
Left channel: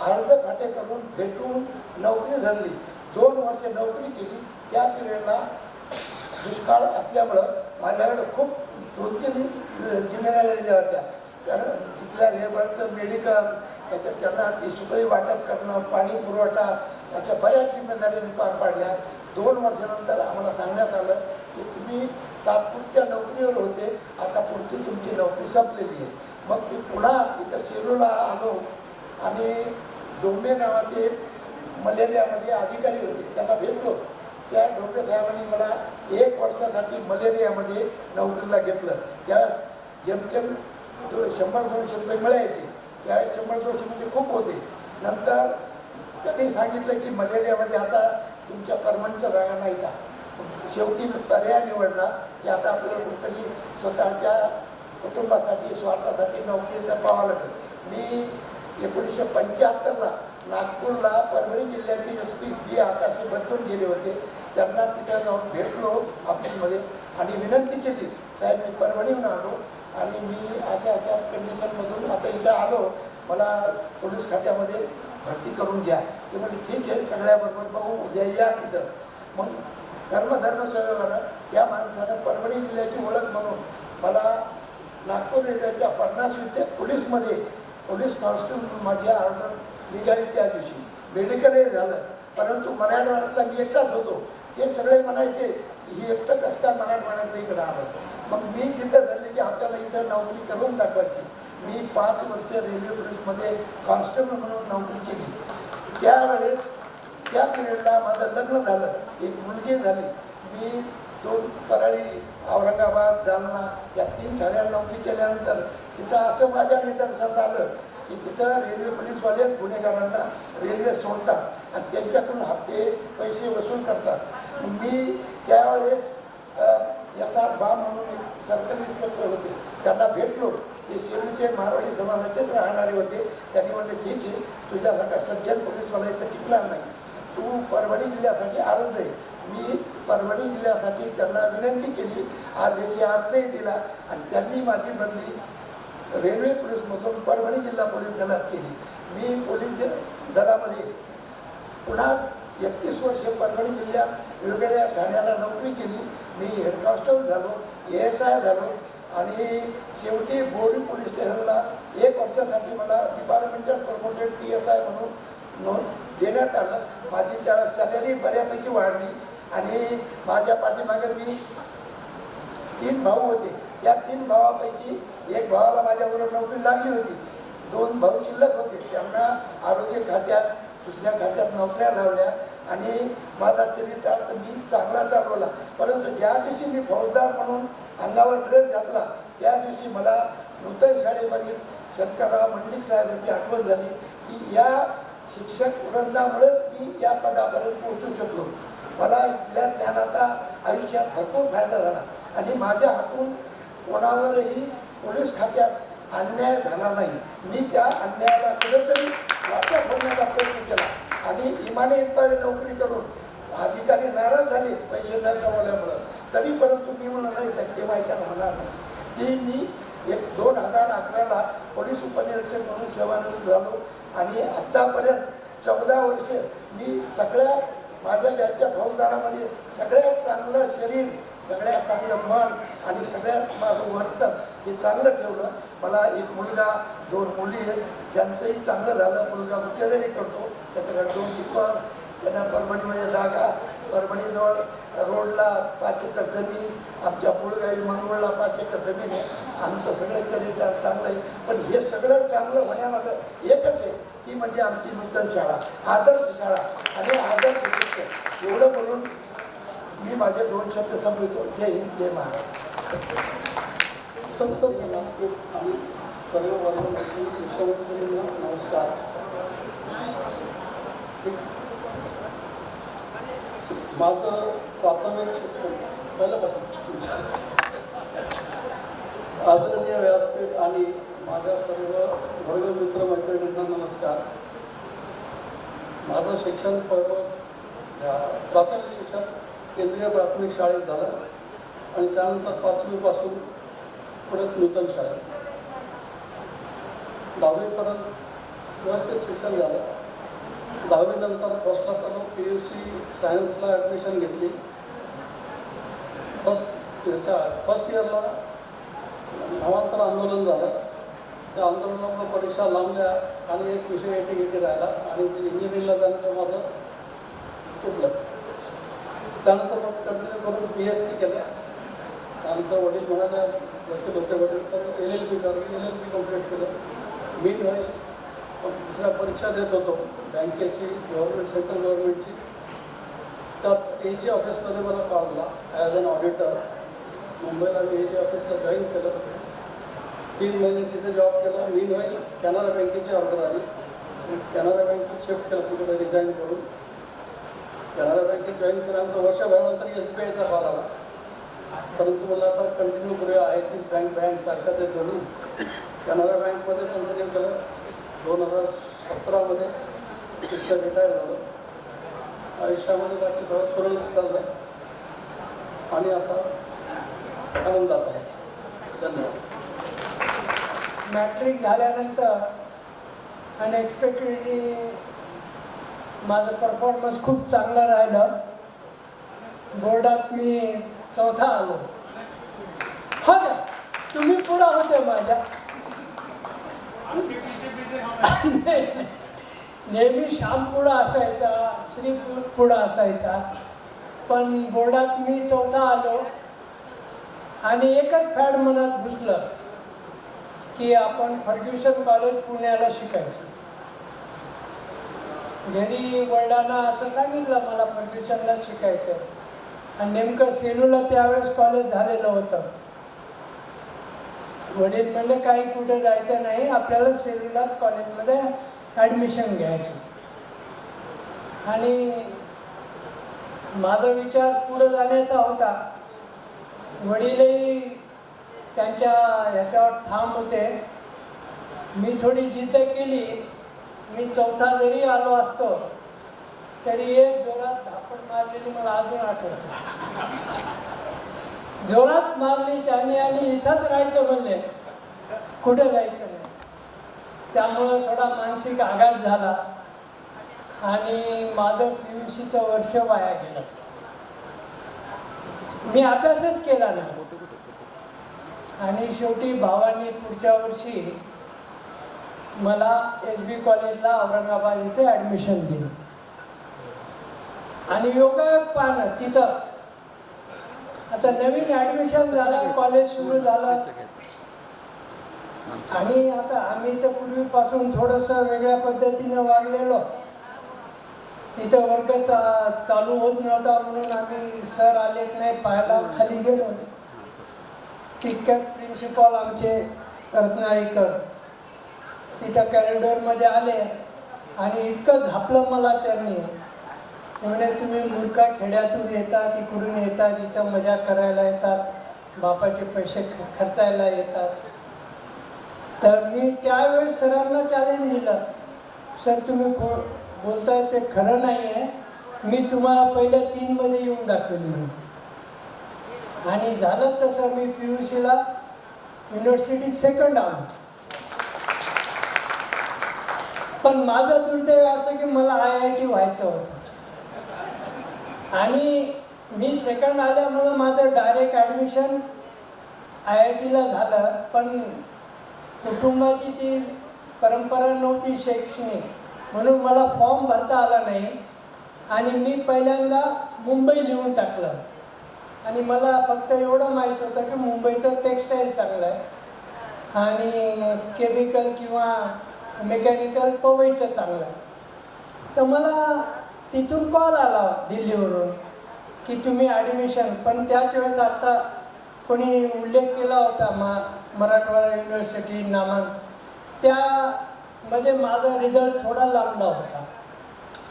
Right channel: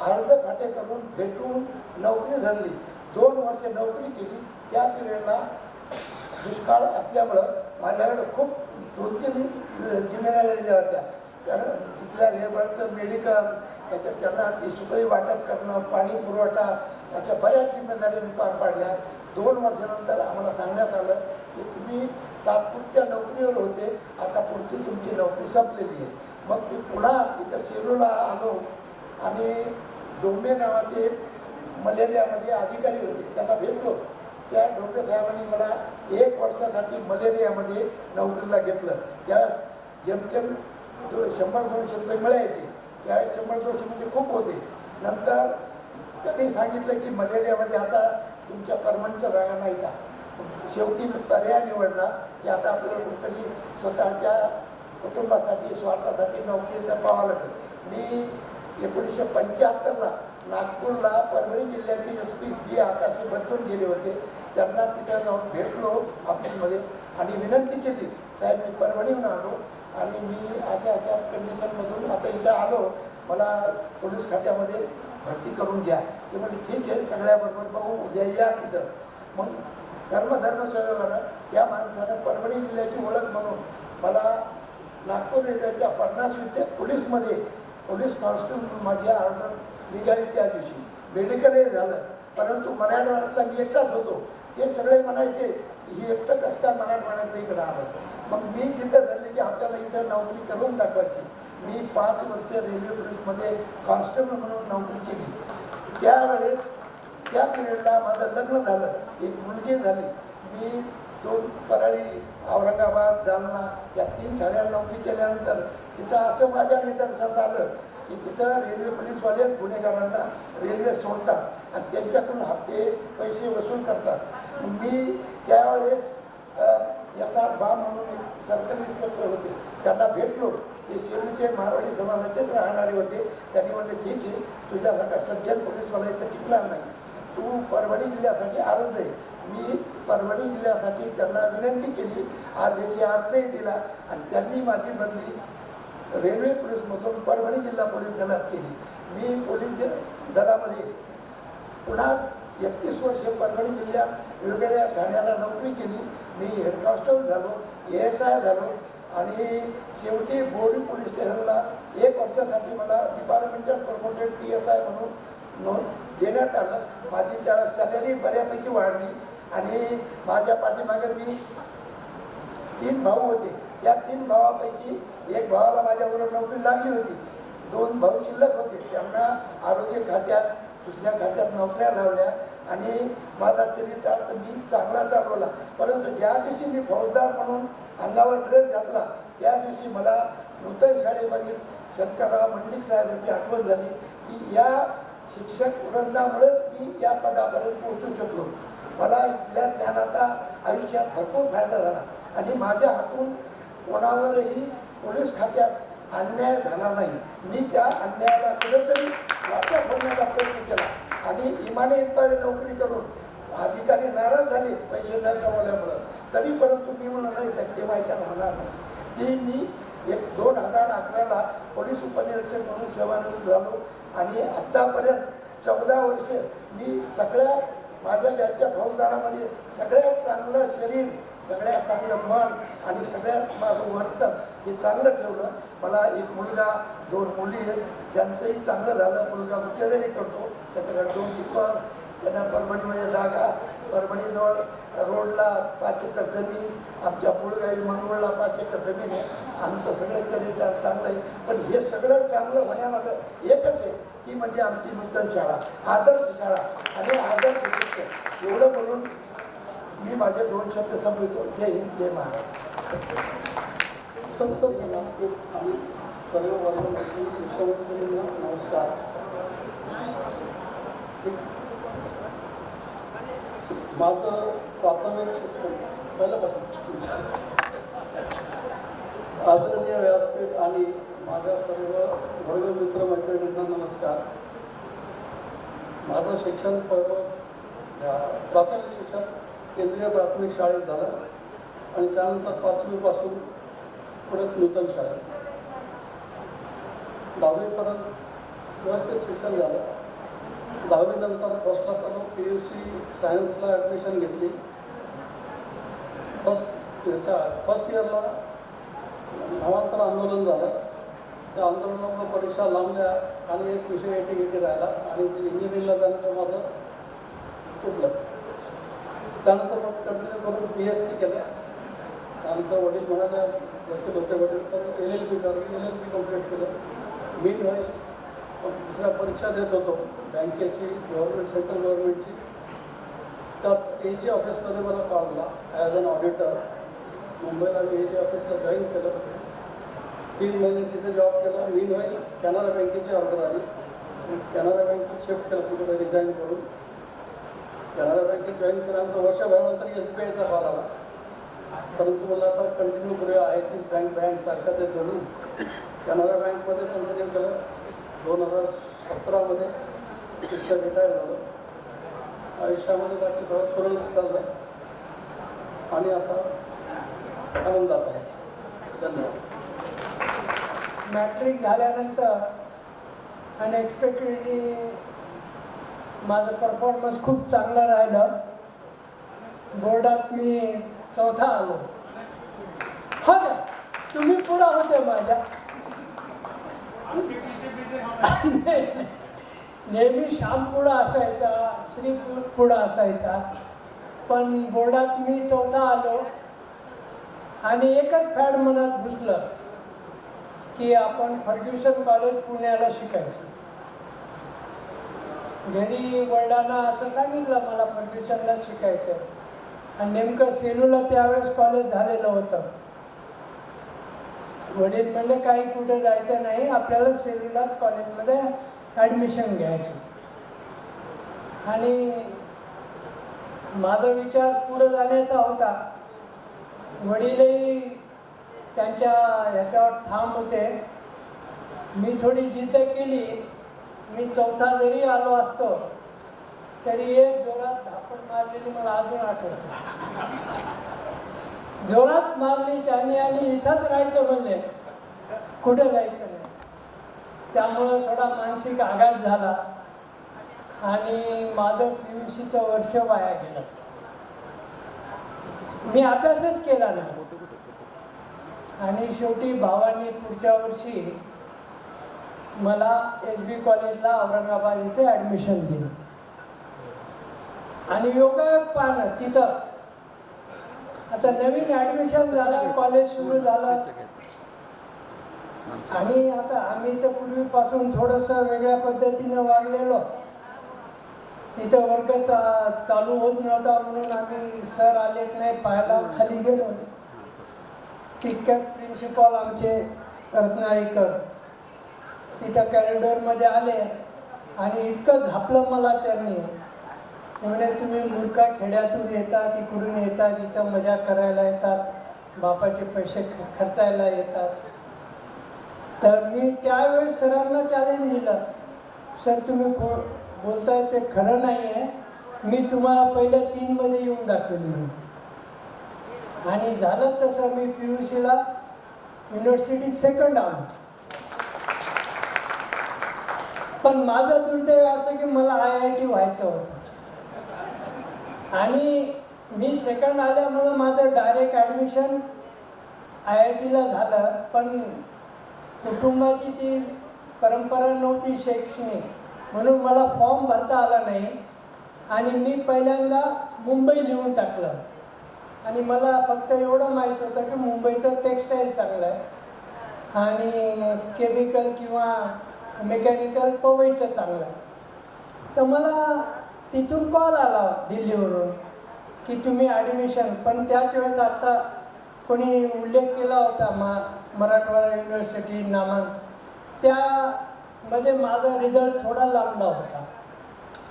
अर्ध फाटे करून भेटून नोकरी धरली. 2 वर्ष नोकरी केली. त्या पिरियडला दुष्काळ असल्यामुळं माझ्याकडे खूप 2-3 जिम्मेदाऱ्या दिल्या होत्या. कारण तिथल्या लेबरचं मेडिकल, त्याच्यात त्यांना ती सुखई वाटप करणं, पाणी पुरवठा, अशा बऱ्याच जिम्मेदाऱ्या मी पार पाडल्या. 2 वर्षानंतर आम्हाला सांगण्यात आलं की तुम्ही तात्पुरत्या नोकरीवर होते, आता पुढची तुमची नोकरी संपलेली आहे. मग मी पुन्हा इथं सेलूला आलो आणि डोंबे नावाचे मलेरियामध्ये अधिकारी होते, त्यांना भेटलो. त्या डॉक्टर साहेबांनी मला 1 वर्षासाठी मलेरियामध्ये नोकरीला घेतलं. त्यावेळेस जेमतेम 100-200 रुपये मिळायचे. त्यावेळेस 100-200 म्हणजे खूप होते. नंतर त्यांनी सांगितलं की मलेरियामध्ये आता तुमच्या परमनंटच्या जागा नाही का. शेवटी मी पर्याय निवडला की आता आपल्याला कुठेतरी स्वतःच्या कुटुंबासाठी स्वार्थासाठी नोकरीचा पाहावं लागेल. मी 1975ला नागपूरला परभणी जिल्ह्याचे SP B आकाशे बदलून गेले होते. त्यांना तिथं जाऊन भेटलो ऑफिसमध्ये आणि विनंती केली, साहेब मी परभणीहून आलो आणि मी अशा कंडिशनमधून आता इथं आलो, मला पोलीस खात्यामध्ये भरती करून घ्या. ते म्हणजे ठीक आहे, सगळ्याबरोबर बघू, उद्या या तिथं. मग कर्मधर्म संयोगानं त्या माणसानं परभणी जिल्ह्याची ओळख म्हणून मला नागपूर रेल्वेच्या 50वी पोलीसमध्ये पोलीस कॉन्स्टेबल माझी ऑर्डर निघाली. त्या दिवशी मेडिकलही झालं. परंतु मराठवाड्यातला मी एकटाच होतो. ते सगळे म्हणायचे ही एकटं कसं काय मराठवाड्यातलं इकडं आलं. मग मी जिथं धरले की आपल्याला इथं नोकरी करून दाखवायची. मी 5 वर्ष रेल्वे पोलीसमध्ये कॉन्स्टेबल म्हणून नोकरी केली. त्यावेळेस त्या पिरियडला माझं लग्न झालं, एक मुलगी झाली. मी 2 परळी, औरंगाबाद, जालना या 3 ठाण्याला नोकरी केल्यानंतर तिथं असं माझ्या निदर्शनास आलं की तिथं रेल्वे पोलीसवाले गुन्हेगारांना रेल्वे सोडतात आणि त्यांच्याकडून हप्ते पैसे वसूल करतात. मी त्यावेळेस SR बा म्हणून एक सर्कल इन्स्पेक्टर होते, त्यांना भेटलो. ते सेलूचे मारवाडी समाजाचेच राहणारे होते. त्यांनी म्हणले ठीक आहे, तुझ्यासारखा सज्जन पोलीसवाला इथं टिकणार नाही, तू परभणी जिल्ह्यासाठी अर्ज दे. मी परभणी जिल्ह्यासाठी त्यांना विनंती केली, हा लेखी अर्जही दिला आणि त्यांनी माझी बदली रेल्वे पोलीसमधून परभणी जिल्हा पोलीस दलात केली. मी पोलीस दलामध्ये पुन्हा 31 वर्ष परभणी जिल्ह्यात वेगवेगळ्या ठाण्याला नोकरी केली. मी हेड कॉन्स्टेबल झालो, ASI झालो आणि शेवटी बोरी पोलीस स्टेशनला 1 वर्षासाठी मला डिपार्टमेंटल प्रमोटेड PSI म्हणून नोंद देण्यात आलं. माझी त्या सॅलरी बऱ्यापैकी वाढली आणि माझ्या पाठीमागे मी 3 भाऊ होते. त्या 3 भावापैकी 1 भावाला माझ्याबरोबर नोकरी लागली होती. 2 भाऊ शिल्लक होते, त्यांना आरोग्य खात्यात, दुसऱ्या खात्यात नोकऱ्या लावल्या आणि माझा चरितार्थ मी चांगला चालवला. परंतु ज्या दिवशी मी फौजदार म्हणून अंगावर ड्रेस घातला त्या दिवशी मला नूतन शाळेमधील शंकरराव मंडलिक साहेबांची आठवण झाली की या शिक्षक वृंदामुळेच मी या पदापर्यंत पोहोचू शकलो. मला इथल्या ज्ञानाचा आयुष्यात भरपूर फायदा झाला आणि माझ्या हातून कोणावरही पोलीस खात्यात अन्याय झाला नाही. मी त्या अन्यायाला कुठेतरी वाचा फोडण्याचा प्रयत्न केला आणि इमाने इतबारी नोकरी करून अधिकारी नाराज झाले पैसे न कमवल्यामुळं. तरी परंतु मी म्हणलं नाही साहेब ते व्हायच्या होणार नाही. ते मी 2011ला पोलीस उपनिरीक्षक म्हणून सेवानिवृत्त झालो आणि आत्तापर्यंत 14 वर्ष मी सगळ्या माझ्या बॅचच्या फौजदारामध्ये सगळ्यात चांगलं शरीर, सगळ्यात चांगलं मन आणि सगळ्यात माझं वर्तन हे चांगलं ठेवलं. मला एक मुलगा 2 मुली आहेत, त्यांचंही चांगलं झालं. मुलगा गुत्तेदारी करतो, त्याच्याकडे 2 टिप्पर, त्यांना परभणीमध्ये जागा, परभणीजवळ रोडला 5 एकर जमीन, आमच्या पुळगावी मंगळला 5 एकर जमीन आहे. आमचं सगळं चरित्र चांगलं आहे. पण हे सगळं चांगलं होण्यामागं एकच आहे, ती म्हणजे आमची नूतन शाळा, आदर्श शाळा आणि आदर्श शिक्षक. एवढं बोलून मी माझे 2 शब्द संपवितो. जय हिंद, जय महाराष्ट्र. आणि सर्व वर्गांना नमस्कार. माझं प्राथमिक शिक्षण पहिल्यापासून आदरणीय व्यासपीठ आणि माझ्या सर्व वर्गमित्र मैत्रिणींना नमस्कार. माझं शिक्षण प्राथमिक शिक्षण केंद्रीय प्राथमिक शाळेत झालं आणि त्यानंतर 5वीपासून पुढेच नूतन शाळेत. 10वीपर्यंत व्यवस्थित शिक्षण झालं. 10वीनंतर फर्स्ट क्लास आलो, PUC सायन्सला ॲडमिशन घेतली. फर्स्ट इयरला भावांतर आंदोलन झालं. त्या आंदोलनामुळे परीक्षा लांबल्या आणि एक विषय एटी राहिला आणि ते इंजिनिअरिंगला जाण्याचं माझं तुटलं. त्यानंतर मग कंटिन्यू करून BSc केलं. त्यानंतर वडील म्हणाले, वकील होते वडील, तर LLB कर. LLB कम्प्लीट केलं. मी नाही पण दुसऱ्या परीक्षा देत होतो बँकेची, गव्हर्नमेंट, सेंट्रल गव्हर्नमेंटची. त्यात AG ऑफिसमध्ये मला कॉल आला ॲज अन ऑडिटर. मुंबईला मी AG ऑफिसला जॉईन केलं. 3 महिने तिथे जॉब केला. मी नाही कॅनरा बँकेची ऑर्डर आली. कॅनरा बँकेत शिफ्ट केलं तिकडे रिझाईन करून. कॅनरा बँकेत जॉईन केल्यानंतर वर्षभरानंतर SBIचा कॉल आला. परंतु मला आता कंटिन्यू करूया आहे तीच बँक सारखाच आहे दोन्ही. कॅनरा बँकमध्ये कंटिन्यू केलं. 2017मध्ये तिथं रिटायर झालं. आयुष्यामध्ये बाकी सगळं सुरळीत चाललं आणि आता आनंदात आहे. धन्यवाद. मॅट्रिक झाल्यानंतर अनएक्सपेक्टेडली माझं परफॉर्मन्स खूप चांगलं राहिलं. बोर्डात मी 4था आलो. हो ना, तुम्ही पुढं होते माझ्या. नेहमी श्याम पुढं असायचा, श्री पुढं असायचा, पण बोर्डात मी 4था आलो आणि एकच फॅड मनात घुसलं की आपण फर्ग्युसन कॉलेज पुण्याला शिकायचं. घरी वडिलांना असं सांगितलं मला फर्ग्युसनला शिकायचं आणि नेमकं सेलूला त्यावेळेस कॉलेज झालेलं होतं. वडील म्हणले काही कुठे जायचं नाही, आपल्याला सेलूलाच कॉलेजमध्ये ॲडमिशन घ्यायचं. आणि माझा विचार पुढे जाण्याचा होता. वडीलही त्यांच्या ह्याच्यावर ठाम होते. मी थोडी जिद्द केली. मी 4था जरी आलो असतो तरी एक जोरात धापड मारलेली मला अजून आठवतं. जोरात मारली त्याने आणि इथंच राहायचं म्हणले, कुठे जायचं नाही. त्यामुळं थोडा मानसिक आघात झाला आणि माझं PUCचं वर्ष वाया गेलं. मी अभ्यासच केला नाही आणि शेवटी भावाने पुढच्या वर्षी मला SB कॉलेजला औरंगाबाद इथे ॲडमिशन दिलं. आणि योगायोग पाहणं तिथं आता नवीन ॲडमिशन झालं, कॉलेज सुरू झालं आणि आता आम्ही तर पूर्वीपासून थोडंसं वेगळ्या पद्धतीनं वागलेलो. तिथं वर्ग चालू होत नव्हता म्हणून आम्ही सर आले नाही पाहायला खाली गेलो. तितक्यात प्रिन्सिपॉल आमचे रत्नाळीकर तिथं कॅरिडॉरमध्ये आले आणि इतकं झापलं मला त्यांनी. म्हणजे तुम्ही मूर्खा खेड्यातून येतात, इकडून येतात, इथं मजा करायला येतात, बापाचे पैसे खर्चायला येतात. तर मी त्यावेळेस सरांना चॅलेंज दिलं, सर तुम्ही बोलताय ते खरं नाही आहे, मी तुम्हाला पहिल्या 3मध्ये येऊन दाखवेन म्हणून. आणि झालं तसं मी PUCला युनिव्हर्सिटीत सेकंड आलो. पण माझं दुर्दैव असं की मला IIT व्हायचं होतं आणि मी सेकंड आल्यामुळं माझं डायरेक्ट ॲडमिशन IITला झालं. पण कुटुंबाची ती परंपरा नव्हती शैक्षणिक, म्हणून मला फॉर्म भरता आला नाही आणि मी पहिल्यांदा मुंबई लिहून टाकलं. आणि मला फक्त एवढं माहीत होतं की मुंबईचं टेक्स्टाईल चांगलं आहे आणि केमिकल किंवा मेकॅनिकल पवईचं चांगलं आहे. तर मला तिथून कॉल आला दिल्लीवरून की तुम्ही ॲडमिशन, पण त्याच वेळेस आत्ता कोणी उल्लेख केला होता मराठवाडा युनिव्हर्सिटी नामांक, त्यामध्ये माझा रिझल्ट थोडा लांबला होता.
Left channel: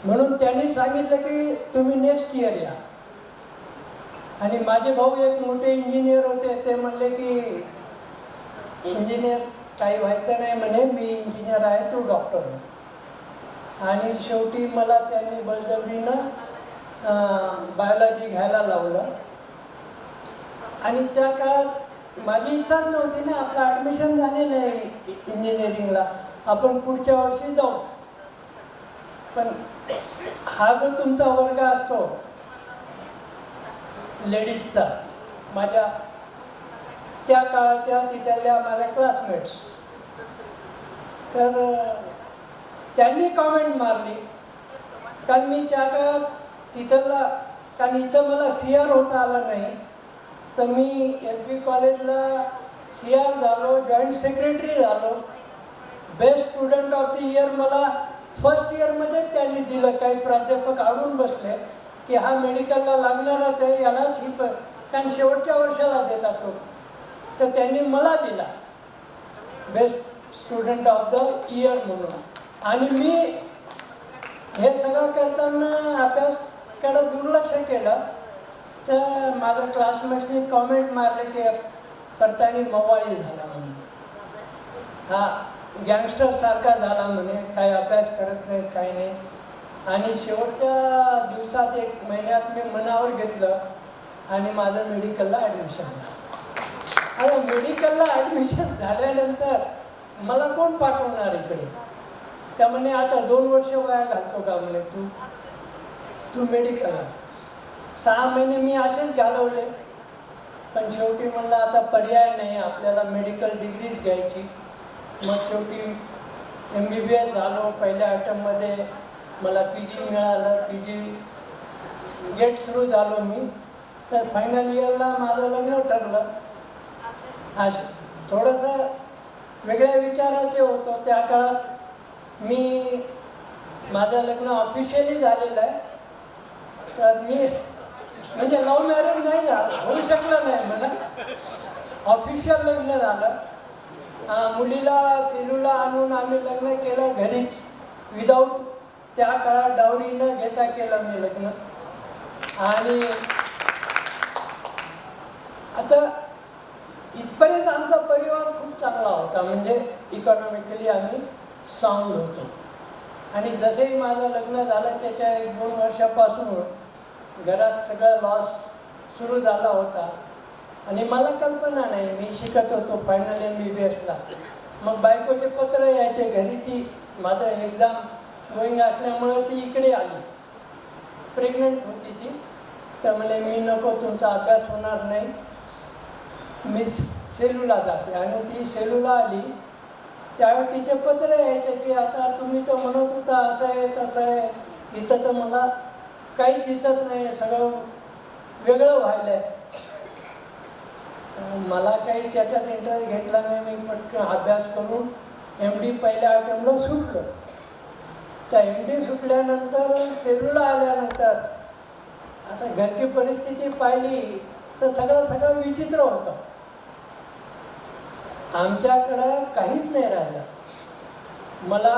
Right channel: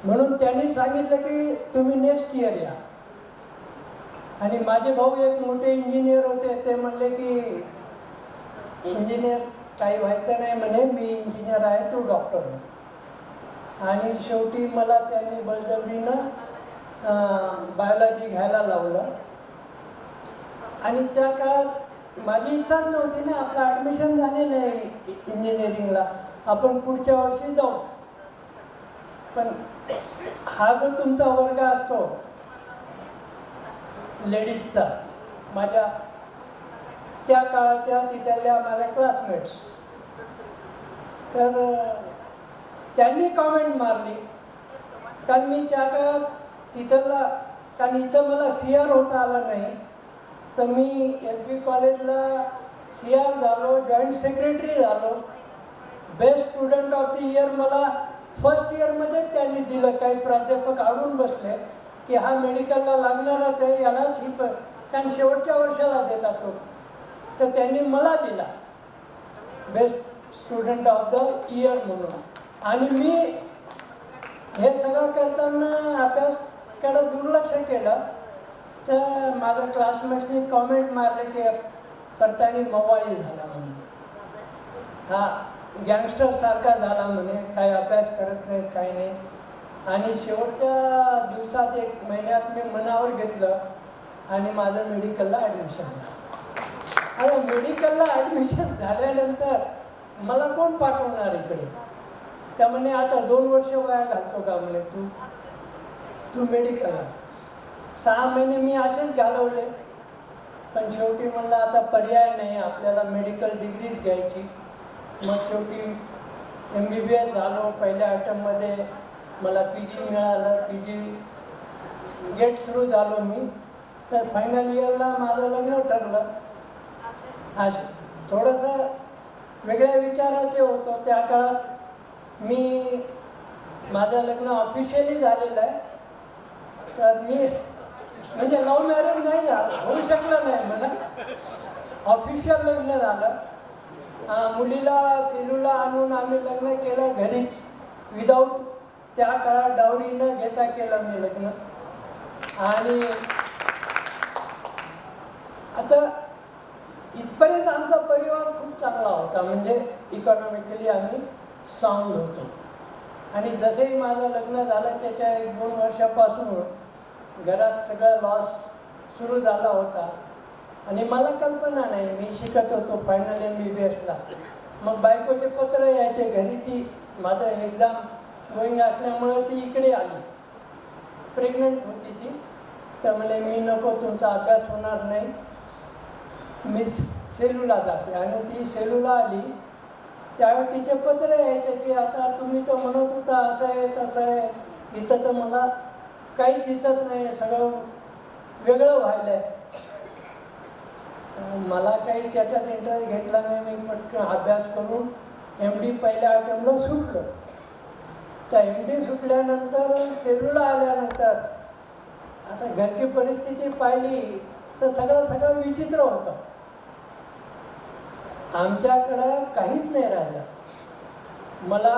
म्हणून त्यांनी सांगितलं की तुम्ही नेक्स्ट इयर या. आणि माझे भाऊ एक मोठे इंजिनियर होते, ते म्हणले की इंजिनियर काही व्हायचं नाही म्हणे, मी इंजिनियर आहे, तू डॉक्टर आहे. आणि शेवटी मला त्यांनी बळजबरीनं बायोलॉजी घ्यायला लावलं. आणि त्या काळात माझी इच्छाच नव्हती ना, आपलं ॲडमिशन झालेलं आहे इंजिनिअरिंगला, आपण पुढच्या वर्षी जाऊ. पण हा जो तुमचा वर्ग असतो लेडीजचा, माझ्या त्या काळाच्या तिथल्या माझ्या क्लासमेट्स, तर त्यांनी कॉमेंट मारली. कारण मी त्या काळात तिथला, कारण इथं मला CR होता आला नाही, तर मी LB कॉलेजला CR झालो, जॉईंट सेक्रेटरी झालो. Best student of the year मला फर्स्ट इयरमध्ये त्यांनी दिलं. काही प्राध्यापक आवडून बसले की हा मेडिकलला लागणारच आहे, यालाच ही कारण शेवटच्या वर्षाला देतात तो, तर त्यांनी मला दिला best student of the year म्हणून. आणि मी हे सगळं करताना अभ्यासकडे दुर्लक्ष केलं. तर माझ्या क्लासमेट्सनी कॉमेंट मारले की करताना मवाळी झाला म्हणून, हा गँगस्टरसारखा झाला म्हणे, काही अभ्यास करत नाही, काही नाही. आणि शेवटच्या दिवसात 1 महिन्यात मी मनावर घेतलं आणि माझं मेडिकलला ॲडमिशन झालं. आणि मेडिकलला ॲडमिशन झाल्यानंतर मला कोण पाठवणार इकडे? त्यामुळे आता 2 वर्ष वाया घालतो का म्हणे तू मेडिकलला. 6 महिने मी असेच घालवले. पण शेवटी म्हणलं आता पर्याय नाही, आपल्याला मेडिकल डिग्रीच घ्यायची. मग शेवटी MBBS झालो. पहिल्या अटेम्प्टमध्ये मला PG मिळालं, PG गेट थ्रू झालो मी. तर फायनल इयरला माझं लग्न ठरलं. असं थोडंसं वेगळ्या विचाराचे होतो त्या काळात. मी माझं लग्न ऑफिशियली झालेलं आहे. तर मी म्हणजे लव्ह मॅरेज नाही झालं, होऊ शकलं नाही मला. ऑफिशियल लग्न झालं. मुलीला सेलूला आणून आम्ही लग्न केलं घरीच, विदाऊट त्या काळात डावरी न घेता केलं मी लग्न. आणि आता इथपर्यंत आमचा परिवार खूप चांगला होता, म्हणजे इकॉनॉमिकली आम्ही साऊंड होतो. आणि जसेही माझं लग्न झालं त्याच्या 1-2 वर्षापासून घरात सगळा लॉस सुरू झाला होता. आणि मला कल्पना नाही, मी शिकत होतो फायनल MBBSला. मग बायकोचे पत्र यायचे घरी, ती माझं एक्झाम गोईंग असल्यामुळं ती इकडे आली. प्रेग्नंट होती ती. तर म्हणे मी नको, तुमचा अभ्यास होणार नाही, मी सेलूला जाते. आणि ती सेलूला आली. त्यावेळी तिचे पत्र यायचे की आता तुम्ही तर म्हणत होता असं आहे तसं आहे, इथं तर मला काही दिसत नाही, सगळं वेगळं व्हायलं आहे. मला काही त्याच्यात इंटरेस्ट घेतला नाही. मी पटकन अभ्यास करून MD पहिल्या अटेम्प्टला सुटलो. त्या MD सुटल्यानंतर सेलूला आल्यानंतर आता घरची परिस्थिती पाहिली तर सगळं विचित्र होतं. आमच्याकडं काहीच नाही राहिलं. मला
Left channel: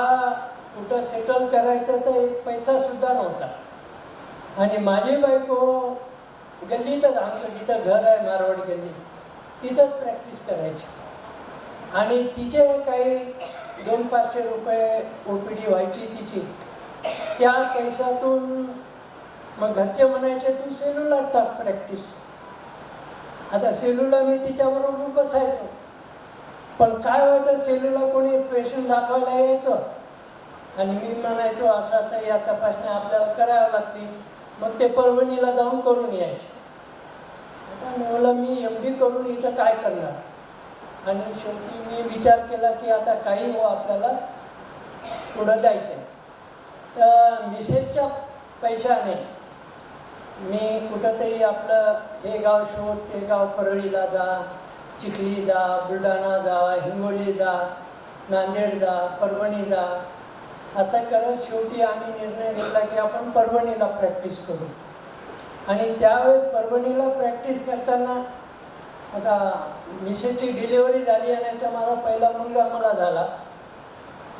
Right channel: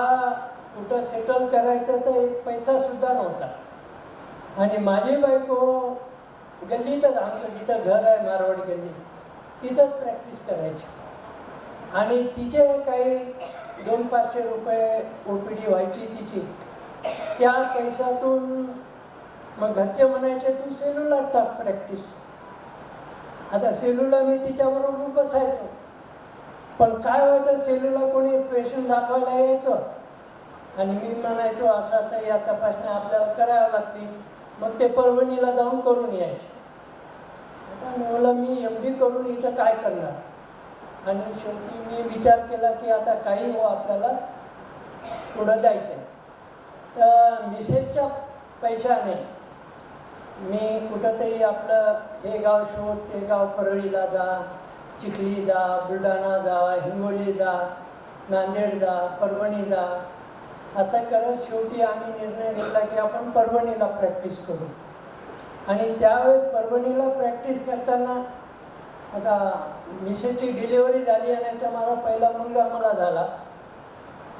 कुठं सेटल करायचं तर 1 पैसासुद्धा नव्हता. आणि माझी बायको गल्लीतच, आमचं जिथं घर आहे मारवाड गल्ली, तिथंच प्रॅक्टिस करायची. आणि तिचे काही 200-500 रुपये OPD व्हायची तिची. त्या पैशातून मग घरचे म्हणायचे तू सेलूला टाक प्रॅक्टिस. आता सेलूला मी तिच्याबरोबर बसायचो. पण काय व्हायचं, सेलूला कोणी पेशंट दाखवायला यायचं आणि मी म्हणायचो असं असं या तपासण्या आपल्याला कराव्या लागतील, मग ते परभणीला जाऊन करून यायचे. आता मी म्हणलं मी MD करून इथं काय करणार, आणि शेवटी मी विचार केला की आता काही हो आपल्याला पुढं जायचं आहे. तर मिसेसच्या पैशाने मी कुठंतरी आपलं हे गाव शोध, ते गाव, परळीला जा, चिखली जा, बुलढाणा जा, हिंगोली जा, नांदेड जा, परभणी जा, असं करत शेवटी आम्ही निर्णय घेतला की आपण परभणीला प्रॅक्टिस करू. आणि त्यावेळेस परभणीला प्रॅक्टिस करताना आता मिसेसची डिलिव्हरी झाली आणि त्याचा माझा पहिला मुलगा मला झाला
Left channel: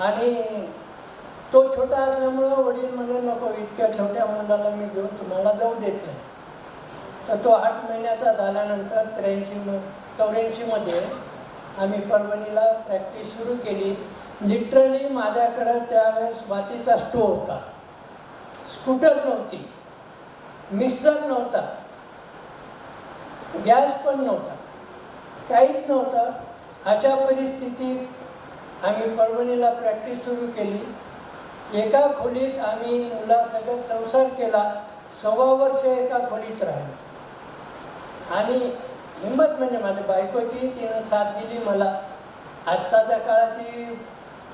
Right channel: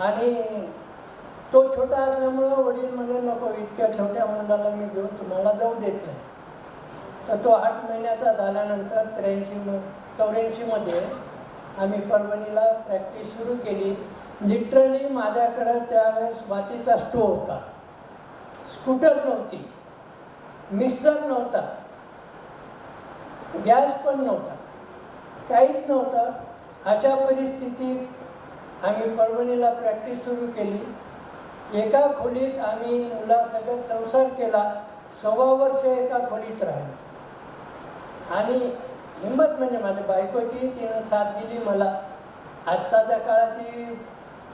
आणि तो छोटा असल्यामुळं वडील म्हणजे नको, इतक्या छोट्या मुलाला मी घेऊन तुम्हाला जाऊ देत नाही. तर तो 8 महिन्याचा झाल्यानंतर 84मध्ये आम्ही परभणीला प्रॅक्टिस सुरू केली. लिटरली माझ्याकडं त्यावेळेस मातीचा स्टोव होता, स्कूटर नव्हती, मिक्सर नव्हता, गॅस पण नव्हता, काहीच नव्हतं. अशा परिस्थितीत आम्ही परभणीला प्रॅक्टिस सुरू केली. एका खोलीत आम्ही मुलासकट संसार केला, 6 वर्ष एका खोलीत राहिलो. आणि हिंमत म्हणजे माझ्या बायकोची, तिनं साथ दिली मला. आत्ताच्या काळाची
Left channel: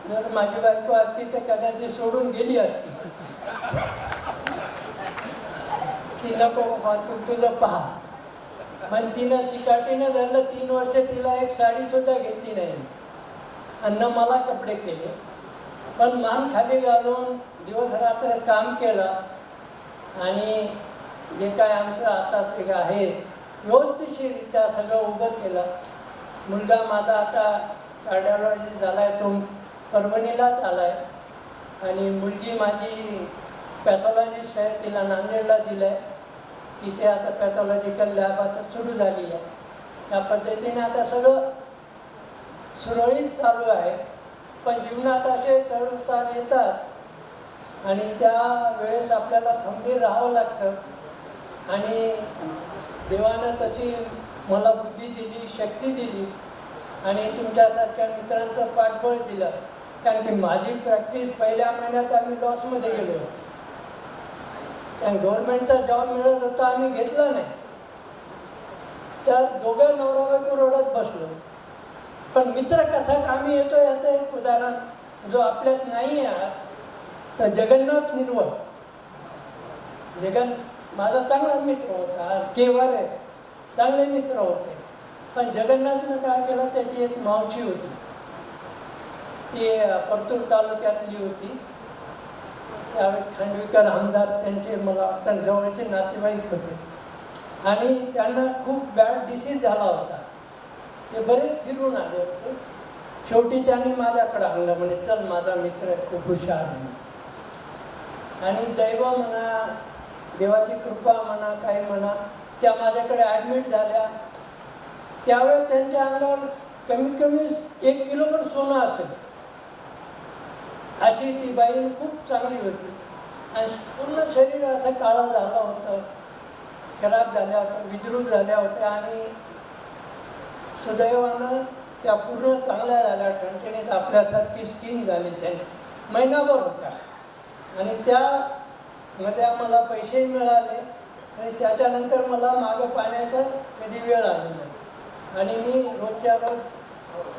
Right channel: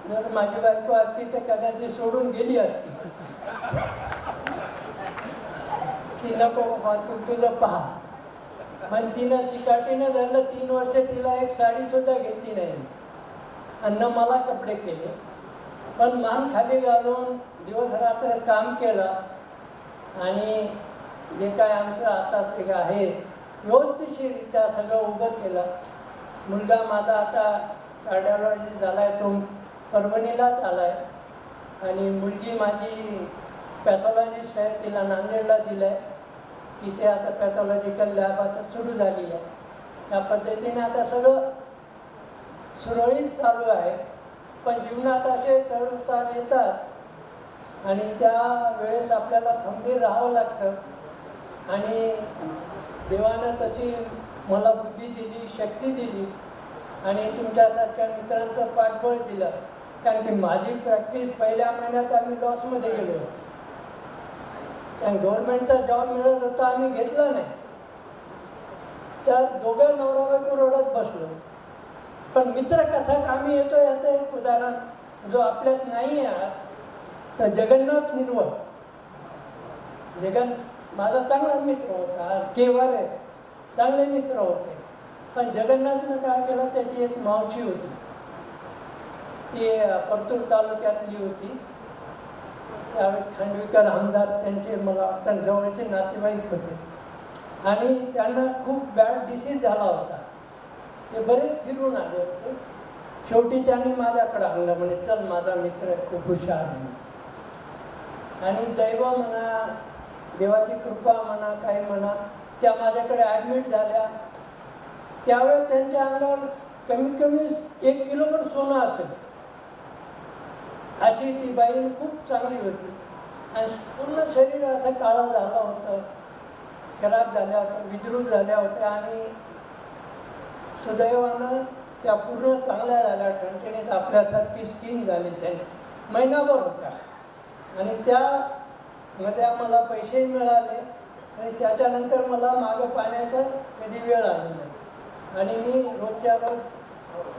जर माझी बायको असती तर कदाचित सोडून गेली असती की नको बाबा तू तुझं पहा. पण तिनं चिकाटीनं धरलं. 3 वर्ष तिला एक साडीसुद्धा घेतली नाही आणि मला कपडे केले. पण मान खाली घालून दिवस रात्र काम केलं आणि जे काय आमचं आता ते आहे व्यवस्थितरित्या सगळं उभं केलं. मुलगा माझा आता कार्डिओलॉजी झाला आहे, तो परभणीलाच आला आहे. आणि मुलगी माझी पॅथॉलॉजिस्ट आहे, तिला नांदेडला दिलं आहे. तिथे आता पॅथॉलॉजिकल लॅब आता सुरू झाली आहे. त्या पद्धतीने आता सगळं सुरळीत चालू आहे. पण जीवनात असे चढ-उतार येतात आणि त्या वेळेस आपल्याला खंबीर राहावं लागतं. आणि देवानं तशी मला बुद्धी दिली, शक्ती दिली आणि तुमच्यासारख्या मित्रांचं पाठबळ दिलं. कारण की माझी प्रॅक्टिस पहिल्या महिन्यात आम्ही लॉसमध्ये गेलो होतो. कारण गव्हर्नमेंटचा जॉब मिळत होता, आम्ही घेतला नाही. तर दोघं नवरा बायको रडत बसलो. पण मित्र कसा कामी येतो याचं एक उदाहरण जो आपल्यात नाही आहे. तर जगन्नाथ निर्वळ, माझा चांगला मित्र होता, केवारे चांगले मित्र होते. पण जगन्नाथनं काय केलं, त्याची एक मावशी होती, ती परतूर तालुक्यातली होती. त्यावेळेस खांडवीकर आमदार त्यांचे मला वाटतं जवळचे नातेवाईक होते आणि त्यांना खूप बॅड डिसीज झाला होता. ते बरेच फिरून आले होते. शेवटी त्यांनी माझ्याकडे आणलं, म्हणजे चल माझा मित्र खूप हुशार आहे. आणि दैव म्हणा, देवाची कृपा म्हणा, काही म्हणा, त्या माझ्याकडे ॲडमिट झाल्या. त्यावेळेस त्यांच्या अंगावर कमीत कमी 1 किलोभर सोनं असेल अशी ती बाई खूप चांगली होती. आणि पूर्ण शरीर असं काळं झालं होतं, खराब झाल्या होत्या, विद्रूप झाल्या होत्या. आणि सुदैवानं त्या पूर्ण चांगल्या झाल्या, ठणठणीत आपल्यासारखी स्किन झाली. त्यांनी महिनाभर होत्या आणि त्यामध्ये आम्हाला पैसेही मिळाले आणि त्याच्यानंतर मला मागं पाण्याचा कधी वेळ आली नाही. आणि मी रोजच्या रोज,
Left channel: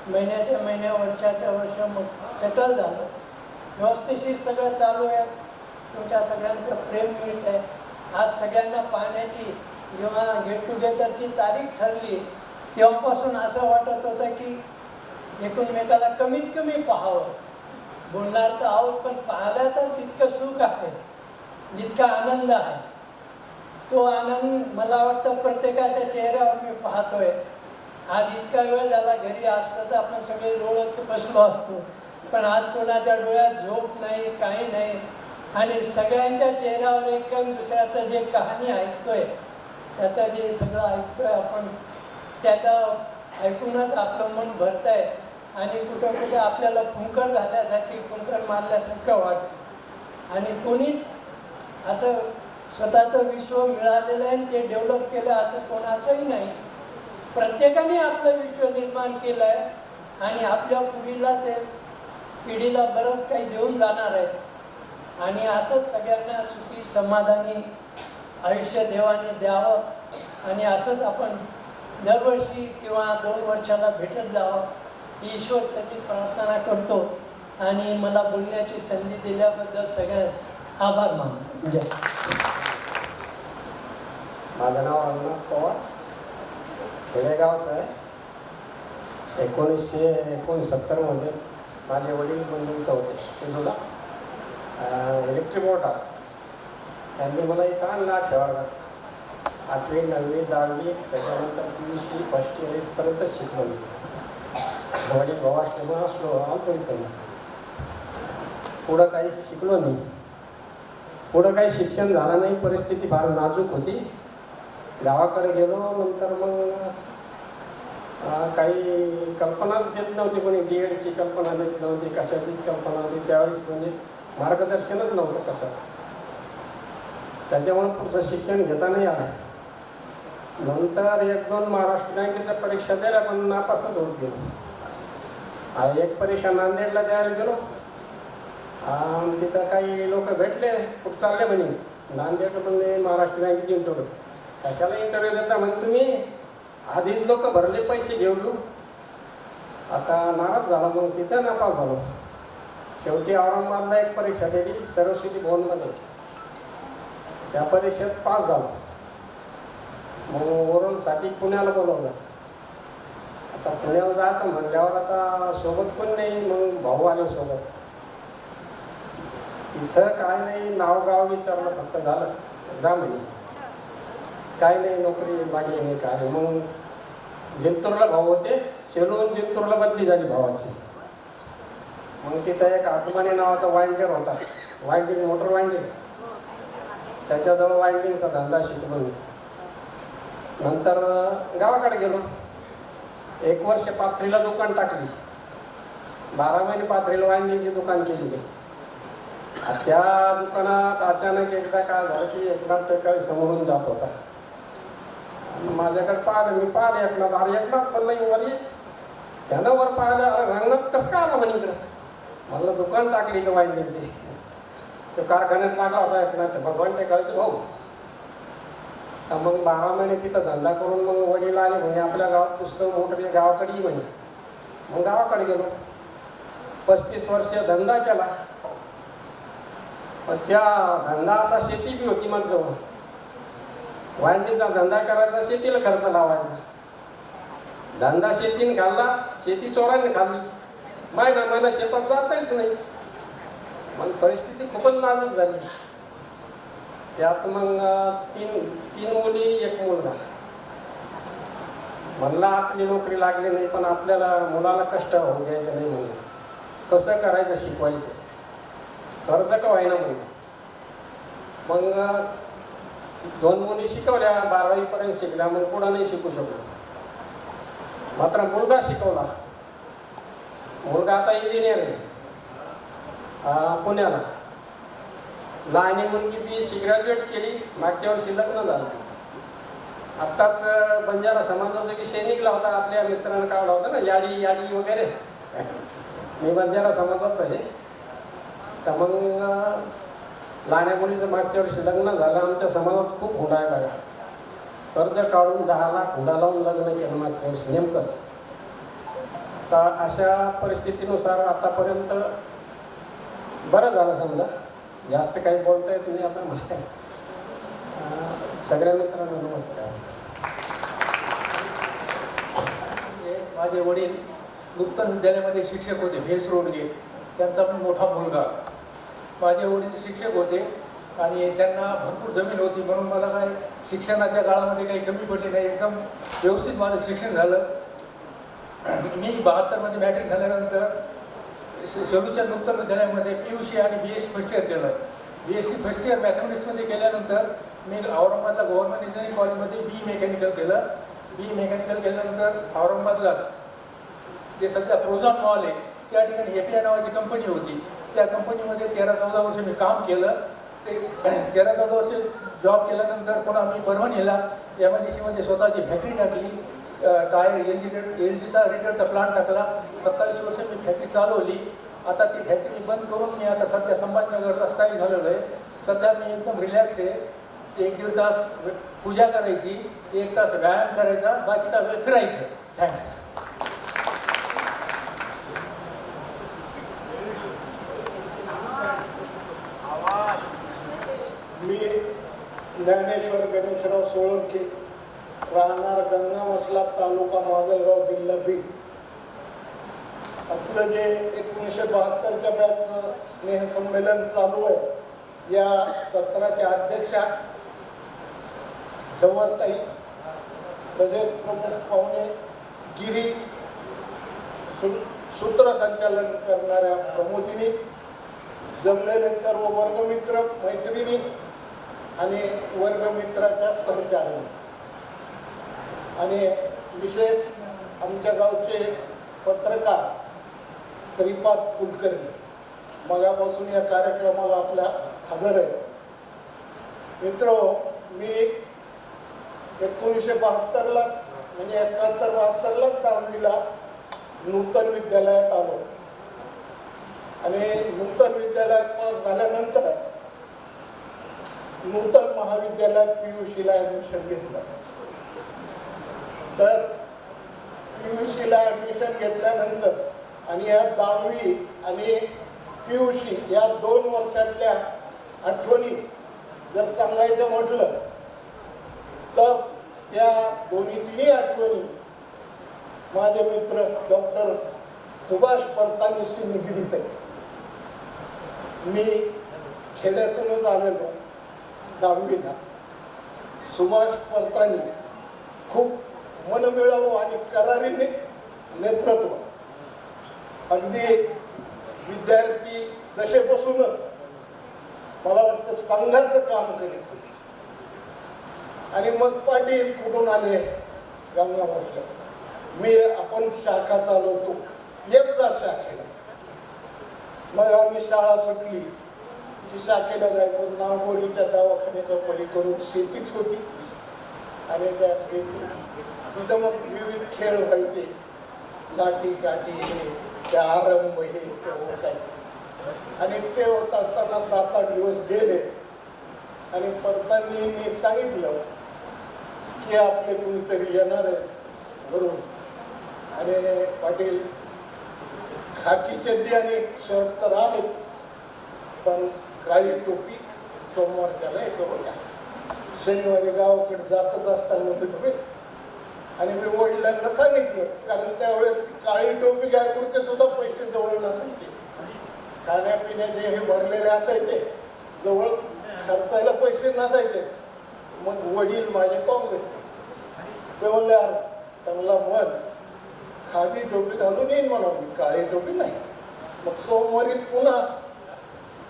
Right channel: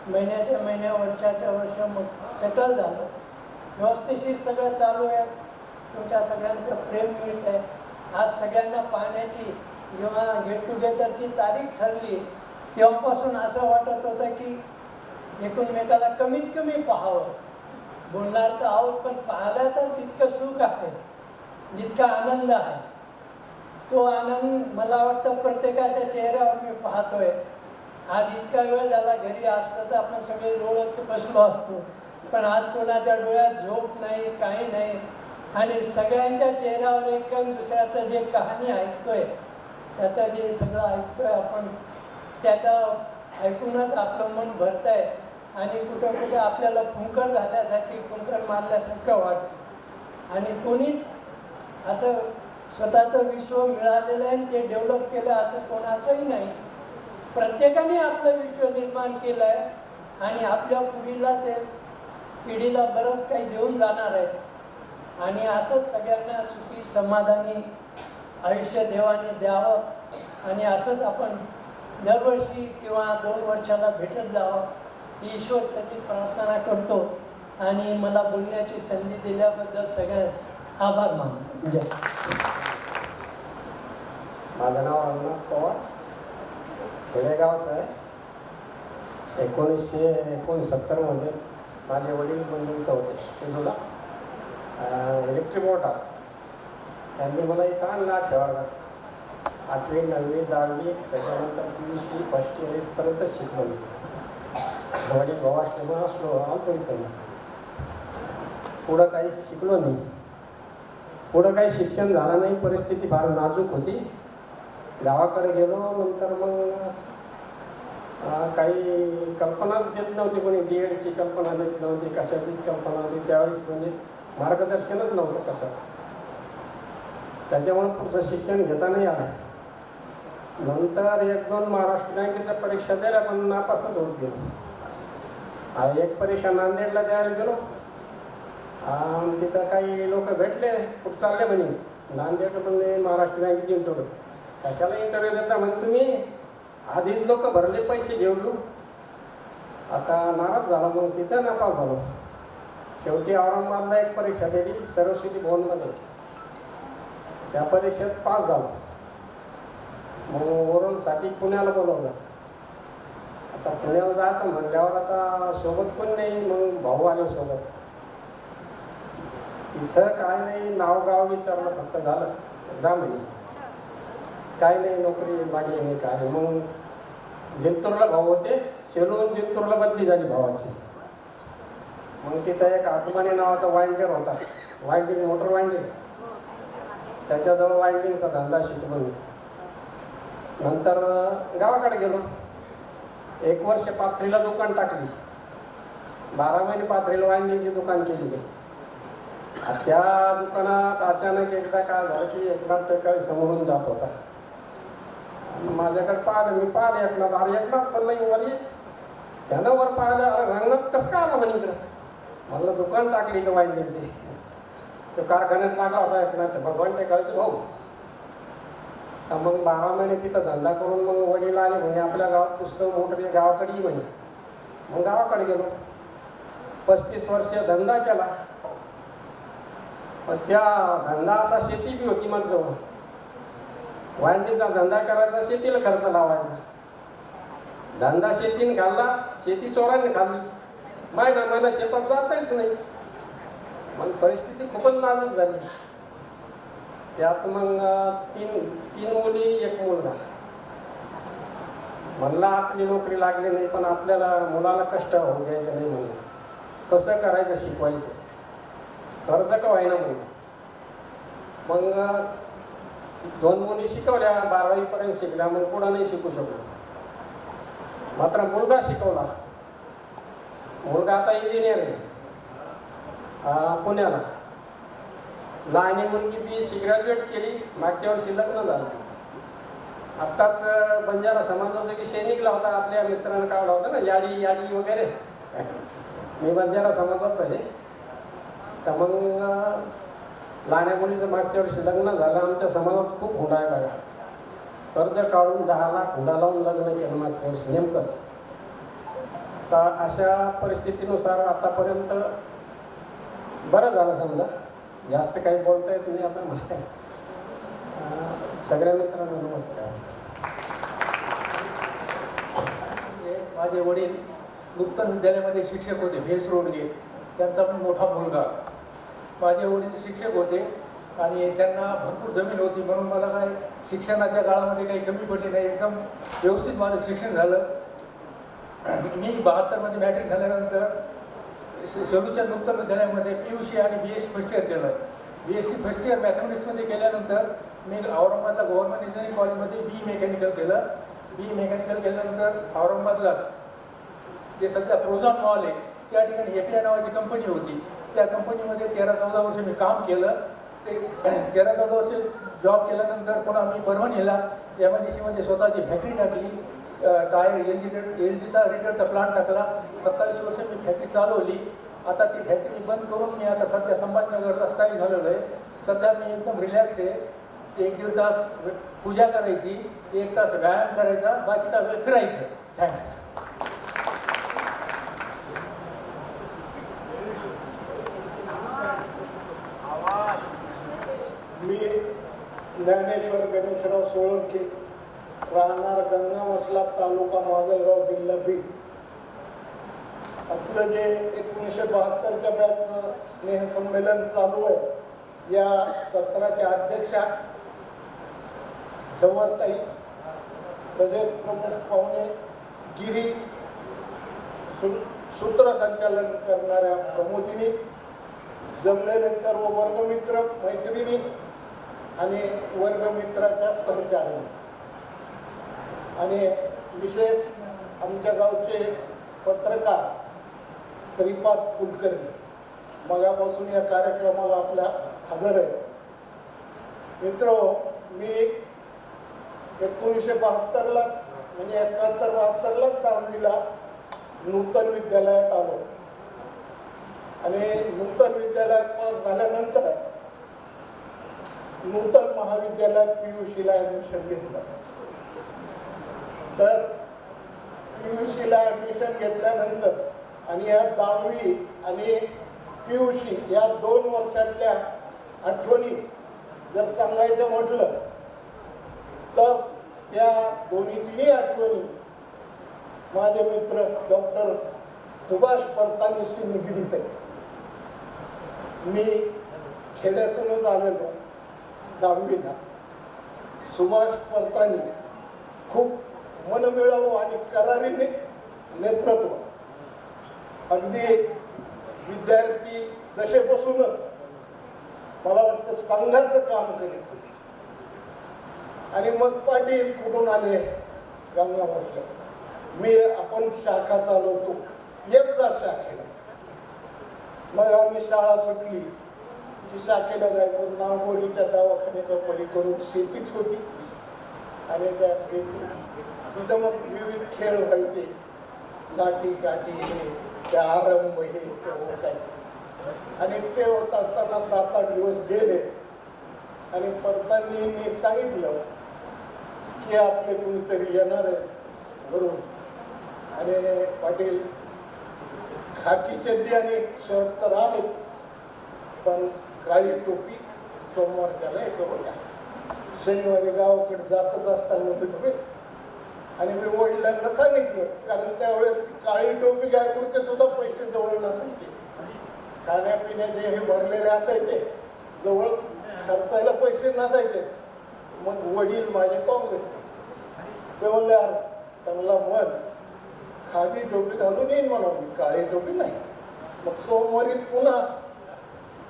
महिन्याच्या महिन्या, वर्षाच्या वर्ष मग सेटल झालो. व्यवस्थिशीर सगळं चालू आहे. तुमच्या सगळ्यांचं प्रेम मिळत आहे. आज सगळ्यांना पाहण्याची जेव्हा गेट टुगेदरची तारीख ठरली तेव्हापासून असं वाटत होतं की एकमेकाला कमीत कमी पाहावं. बोलणार तर आहोत पण पाहिलं तर तितकं सुख आहे, जितका आनंद आहे तो आनंद मला वाटतं प्रत्येकाच्या चेहऱ्यावर मी पाहतोय. आज इतका वेळ झाला, घरी असतं तर आपण सगळे डोळ्यात बसलो असतो, पण आज कोणाच्या डोळ्यात झोप नाही, काही नाही. आणि सगळ्यांच्या चेहऱ्यावर एक दुसऱ्याचं जे कहाणी ऐकतोय, त्याचं जे सगळं ऐकतोय आपण, त्याचं ऐकूनच आपलं मन भरतं आहे. आणि कुठं कुठं आपल्याला फुंकर झाल्यासारखी, फुंकर मारल्यासारखं वाटतं. आणि कोणीच असं स्वतःचं विश्व मिळालेलं आहे ते डेव्हलप केलं असं कोणाचंही नाही. प्रत्येकाने आपलं विश्व निर्माण केलं आहे आणि आपल्या पिढीला बरंच काही देऊन जाणार आहेत आणि असंच सगळ्यांना सुखी समाधानी आयुष्य देवाने द्यावं आणि असंच आपण दरवर्षी किंवा 2 वर्षाला भेटत जावं ही ईश्वरचरणी प्रार्थना करतो आणि मला बोलण्याची संधी दिल्याबद्दल सगळ्यात आभार मानतो. जय. माझं नाव रंगनाथ पवार, खेडेगावचं आहे. 1969मध्ये माझे वडील बंधूंचं होते सिंधूला इलेक्ट्रिक मोटार. त्यांनी मला इथं आणला ठेवायला. 8वी 9वी 10वी त्याच्यानंतर PUC फर्स्ट इयर इथपर्यंत शिकलो मी. वडील भाऊ असल्यामुळे आलतो इथं. पुढं काही शिकलो नाही. पुढं काही शिक्षण झालं नाही. परिस्थिती फार नाजूक होती. गावाकडे गेलो. नंतर मग काही कल्पनाच देत नव्हती. कोणी DEDची कल्पना देत नव्हती, कशाचीच कल्पना नव्हती त्यावेळेस. म्हणजे मार्गदर्शनच नव्हतं कशाचं. त्याच्यामुळे पुढचं शिक्षण घेता नाही आलं. नंतर 1-2 महाराष्ट्र बँकेच्या परीक्षा द्यायला पण नापासच होत गेलो. एक परीक्षा नांदेडला द्यायला गेलो. तिथं काही लोक भेटले, कुठं चालले म्हणे नांदेड म्हणजे महाराष्ट्र बँकेची इंटरव्ह्यू. कशाला इंटरव्ह्यू देता म्हणजे तुम्ही आधीच लोक भरले पैसे घेऊन. आता नाराज झाला. मग तिथं नापास झालो. शेवटी औरंगाबादला एक परीक्षा दिली सरस्वती भवनमध्ये. त्या परीक्षेत पास झालो. मग ओरलसाठी पुण्याला बोलवलं. आता पुण्याला जायचं म्हणल्यावर आता सोबत कोण नाही. मग भाऊ आले सोबत. तिथं काय नाही, नाव गाव विचारलं फक्त, झालं जा म्हणे. काय नाही, नोकरी लागली नाही काय. मग जिंतूरला भाऊ होते. सेलून जिंतूरला बदली झाली भावाची. मग तिथं एक आत्माने नावाचा वाइंडर होता, वाइंडिंग मोटर वाइंडिंग. त्याच्याजवळ वाइंडिंगचा धंदा शिकलो मी. नंतर गावाकडे गेलो. 1 वर्ष पाथरीला दुकान टाकली. 12 महिने पाथरीला वाइंडिंगची दुकान केली. त्या दुकानात अचानक एकदा काय झालं की एकनाथ टेकाळे समोरून जात होता. माझ्याकडे पाहिलं. मी पाहिलं एकनाथ. अरे एकनाथ पण नाही वर ये. त्यानं वर पाहिलं. अरे रंगनाथ कसं काय आला म्हणे इकडं. मला दुकान टाकली तर वाइंडिंगची. तो कारखान्यात लागला होता एकनाथ भगवान टेकाळेचे भाऊ. तर मग 12 महिने तिथं धंदा करून मग वडील आले म्हणे आपल्या गावात पुस्तक मोठे गावाकडे ये म्हणे. मग गावाकडे गेलो. 35 वर्ष धंदा केला. पण त्या धंदा असा शेती बी होती माझ्याजवळ. वाइंडिंगचा धंदा करायचा, शेतीला खर्च लावायचा. धंदा शेतीने खाल्ला, शेती चोराने खाल्ली. महिना शेतात जाताच नाही. मग परिस्थिती खूपच नाजूक झाली. त्यात मग तीन मुली 1 मुलगा. म्हणला आपली नोकरी लागली नाही पण आपल्याला मुलाला कष्ट होऊ द्यायचं नाही. म्हणलं कसं करायचं, शिकवायचं, कर्ज का व्हायना म्हणून. मग 2 मुली शिकवल्या, 12वी पर्यंत शिकल्या. मग पुढं नाही शिकू शकलो. मात्र मुलगा शिकवला. मुलगा आता इंजिनियर आहे पुण्याला. लहानी मुलगी BSc ग्रॅज्युएट केली. मागच्या वर्षी लग्न झालं तिचं. आत्ताच बंजारा समाजाचा विषय निघला होता. आपल्या मित्रांना काढला होता ना, याडी वगैरे. मी बंजारा समाजाचा आहे. तर मग लहान्या मुलीचं मागच्या वर्षी लग्न झालं. आमच्या समाजात खूप हुंडायला लागला. कर्ज काढून 10 लाख हुंडा लावून लग्न केलं मागच्या वर्षी नेमकंच. तर अशा परिस्थितीनुसार आतापर्यंत बरं झालं समजा. जास्त काही बोलता येत नाही आता मला. सगळ्या मित्रांना नमस्कार. माझे वडील नूतन विद्यालयामध्ये शिक्षक होते, भेस रोडगे. त्यांचा पण मोठा मुलगा. माझे वडील शिक्षक होते आणि त्यांना भरपूर जमीन होती. म्हणून मला काय शिक्षणाच्या काळामध्ये काही कमी पडली नाही. एकदम व्यवस्थित माझं शिक्षण झालं. मी 72मध्ये मॅट्रिक झाल्यानंतर शेलूच्या नूतन विद्यालयामध्ये PUC आणि BSc फर्स्ट इयर केलं. BSc फर्स्ट इयर मॅथमॅटिक्समध्ये केल्यानंतर मी औरंगाबादला गव्हर्नमेंट इंजिनिअरिंग कॉलेजमध्ये BE मेकॅनिकल केलं. BE मेकॅनिकल केल्यानंतर औरंगाबादलाच जे सध्या प्रोझॉन मॉल आहे त्या ठिकाणी API नावाची कंपनी होती. त्या कंपनीमध्ये 13-14 वर्ष मी काम केलं. ते 13-14 वर्ष जॉब केल्यानंतर पुन्हा मी परभणीला MIDC मध्ये स्वतःची फॅक्टरी टाकली. टायर LGचा रिटरचा प्लांट टाकला. 27 वर्ष मी फॅक्टरी चालवली. आता ती फॅक्टरी बंद करून मी आता सध्या संभाजीनगरला स्थायिक झालेलो आहे. सध्या मी एकदम रिलॅक्स आहे. 1-1.5 तास पूजा करायची, 1 तास व्यायाम करायचा, बाकीचा वेळ फिरायचं. थँक्स. मी ज्ञानेश्वर गणेशराव सोळंके, राहणार गंगामसला, तालुका माजलगाव, जिल्हा बीड. आपलं जे 1972च्या बॅचचं स्नेहसंमेलन चालू आहे, या सत्राच्या अध्यक्षा जवळताई, तसेच प्रमुख पाहुणे गिरी, सूत्रसंचालन करणाऱ्या प्रमोदिनी, जमलेले सर्व वर्गमित्र मैत्रिणी आणि वर्गमित्राच्या सहचार्याने, आणि विशेष आमच्या गावचे पत्रकार श्रीपाद कुलकर्णी मगापासून या कार्यक्रमाला आपल्या हजर आहे. मित्र, मी 1972ला म्हणजे 71-72लाच 10वीला नूतन विद्यालयात आलो आणि नूतन विद्यालयात पास झाल्यानंतर नूतन महाविद्यालयात PUCला ॲडमिशन घेतलं. तर PUCला ॲडमिशन घेतल्यानंतर आणि या 10वी आणि PUC या 2 वर्षातल्या आठवणी जर सांगायचं म्हटलं तर त्या तिन्ही आठवणी माझे मित्र डॉक्टर सुभाष परतानीशी निगडीत आहे. मी खेड्यातूनच आलेलो 10वीला. सुभाष परतानी खूप मनमिळावू आणि करारीने नेतृत्व, अगदी विद्यार्थी दशेपासूनच मला वाटतं संघाचं काम करीत होते. आणि मग पाटील कुठून आले गंगामठलं, आपण शाखा चालवतो, येत जा शाखेला. मग आम्ही शाळा सुटली की शाखेला जायचं. नागोरीच्या दवाखान्याच्या पलीकडून शेतीच होती आणि त्या शेती तिथं मग विविध खेळ व्हायचे, लाठी काठी, हे त्या आरंभ, हे सर्व काही. आणि ते होत असताना 7-8 दिवस गेले आणि परतांनी सांगितलं की आपले कुणीतरी येणार आहे घरून. आणि पाटील, खाकी चड्डी आणि शर्ट तर आहेच, पण काळी टोपी सोमवारच्याला हे करू द्या. शनिवारी गावाकडे जातच असताना म्हणतो तुम्ही. आणि मी वडिलांना सांगितलं, कारण त्यावेळेस काळी टोपी घ्यायपुरते सुद्धा पैसे जवळ नसायचे. खाण्यापिण्याचे हे भरलेले असायचे, जवळ खर्चायला पैसे नसायचे. मग वडील माझे काँग्रेसचे, ते बोलले, त्यांना मन खादी टोपी घालून येईन म्हणून, काळी टोपी नाही. मग सोमवारी पुन्हा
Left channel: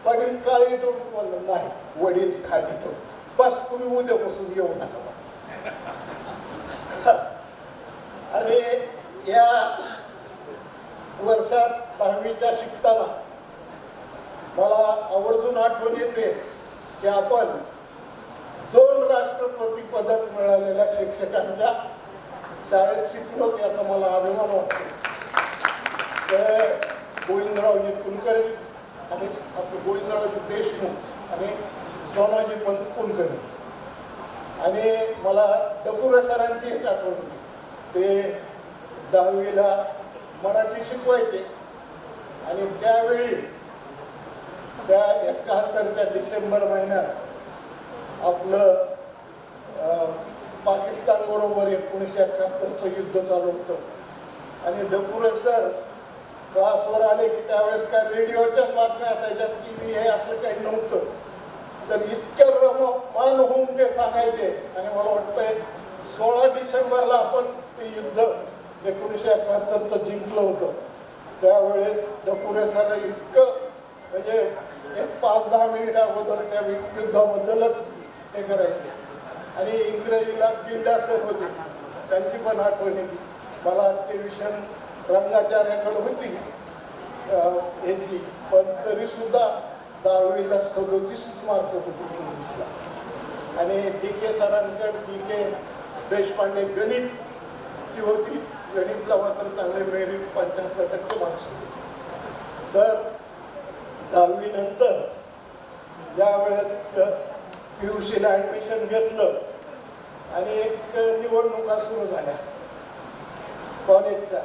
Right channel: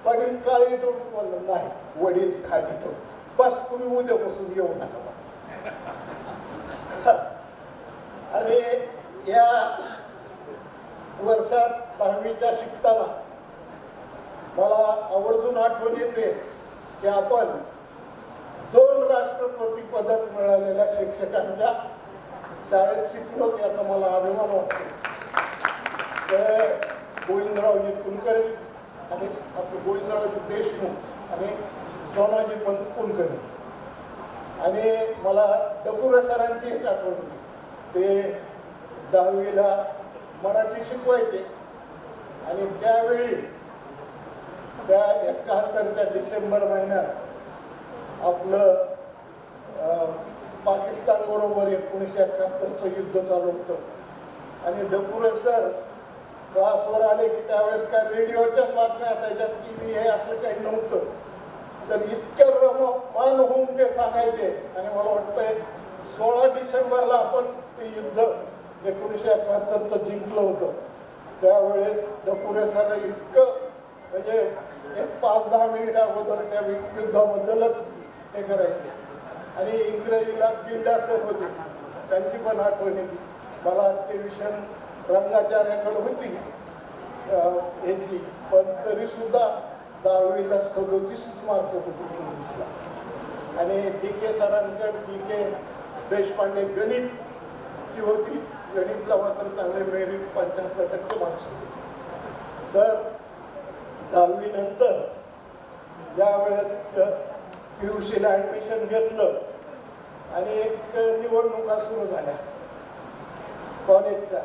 पाटील काळी टोपी, म्हणलं नाही, वडील खादी टोपी, बस तुम्ही उद्यापासून येऊ नका. आणि या वर्षात 10वीच्या शिकताना मला आवर्जून आठवण येते की आपण 2 राष्ट्रपती पदक मिळालेल्या शिक्षकांच्या शाळेत शिकलो, याचा मला अभिमान वाटतो. ते गोविंदरावजी कुलकर्णी आणि आपले गोविंदरावजी देशमुख आणि सोनाजी पंत कुलकर्णी. आणि मला डफुरे सरांची एक आठवण, ते 10वीला मराठी शिकवायचे. आणि त्यावेळी त्या 71च्या डिसेंबर महिन्यात आपलं पाकिस्तान बरोबर 1971चं युद्ध चालू होतं. आणि डफुरे सर क्लासवर आले की त्यावेळेस काय रेडिओच्याच बातम्या असायच्या, TV हे असं काही नव्हतं. तर इतक्या रममान होऊन ते सांगायचे. आणि मला वाटतंय 16 डिसेंबरला आपण ते युद्ध 1971चं जिंकलं होतं. त्यावेळेस डफुरे सर इतकं म्हणजे एक 5-10 मिनिट अगोदर त्या युद्धाबद्दलच हे करायचे. आणि इंग्रजीला बिल्डा सर होते, त्यांची पण आठवण येते मला. टेलिव्हिजन रंगाचार्याकडे होती याची, पण तरीसुद्धा 10वीला 37 मार्क होते इंग्लिशला. आणि DK सरांकडे DK देशपांडे गणित ची होती. गणितला मात्र चांगले मेरिट 75% मार्क्स होते. तर 10वी नंतर ज्यावेळेस PUCला ॲडमिशन घेतलं आणि एक निवडणुका सुरू झाल्या कॉलेजच्या,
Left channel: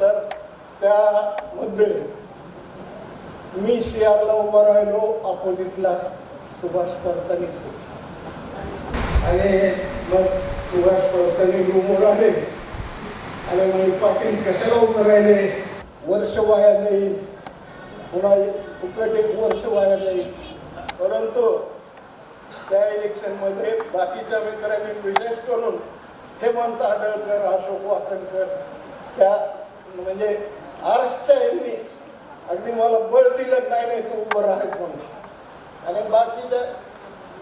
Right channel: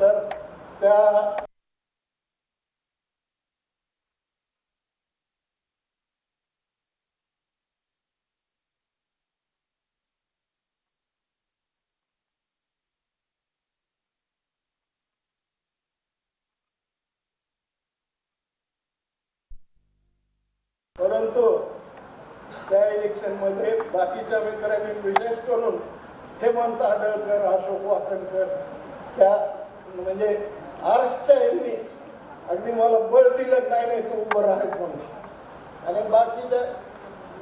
तर त्यामध्ये मी CRला उभा राहिलो, अपोजिटला सुभाष परतानीच होते. आणि मग सुभाष परतानी रूमवर आले आणि म्हणजे पाटील कशाला उभं राहिले, वर्ष वाया जाईल, पुन्हा फुकट एक वर्ष वाया जाईल. परंतु त्या इलेक्शनमध्ये बाकीच्या मित्रांनी विशेष करून हेमंत आडळकर, अशोक वाकणकर, त्या म्हणजे आर्ट्सच्या यांनी अगदी मला बळ दिलं, नाही नाही तू उभं राहायच म्हणून. आणि बाकीच्या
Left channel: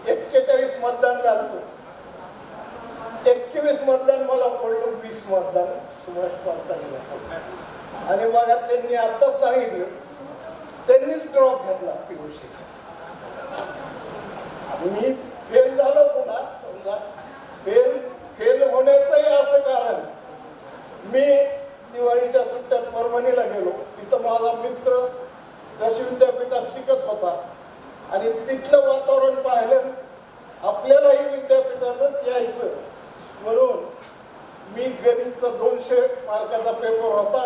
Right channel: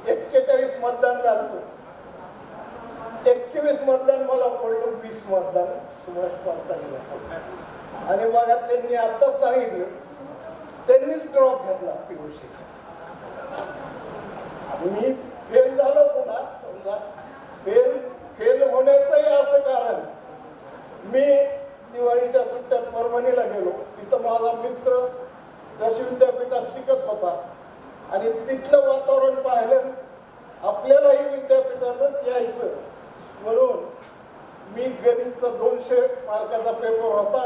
41 मतदान झालं, 21 मतदान मला पडलं, 20 मतदान सुभाष परतानीला. आणि बघा त्यांनी आत्ताच सांगितलं, त्यांनीच ड्रॉप घेतला PUC. मी फेल झालो पुन्हा. समजा फेल होण्याचंही असं कारण, मी दिवाळीच्या सुट्ट्यात परभणीला गेलो. तिथं माझा मित्र कृषी विद्यापीठात शिकत होता आणि तिथलं वातावरण पाहिलं, आपल्यालाही विद्यापीठातच यायचं म्हणून मी गणितचा 200 मार्काचा पेपर होता,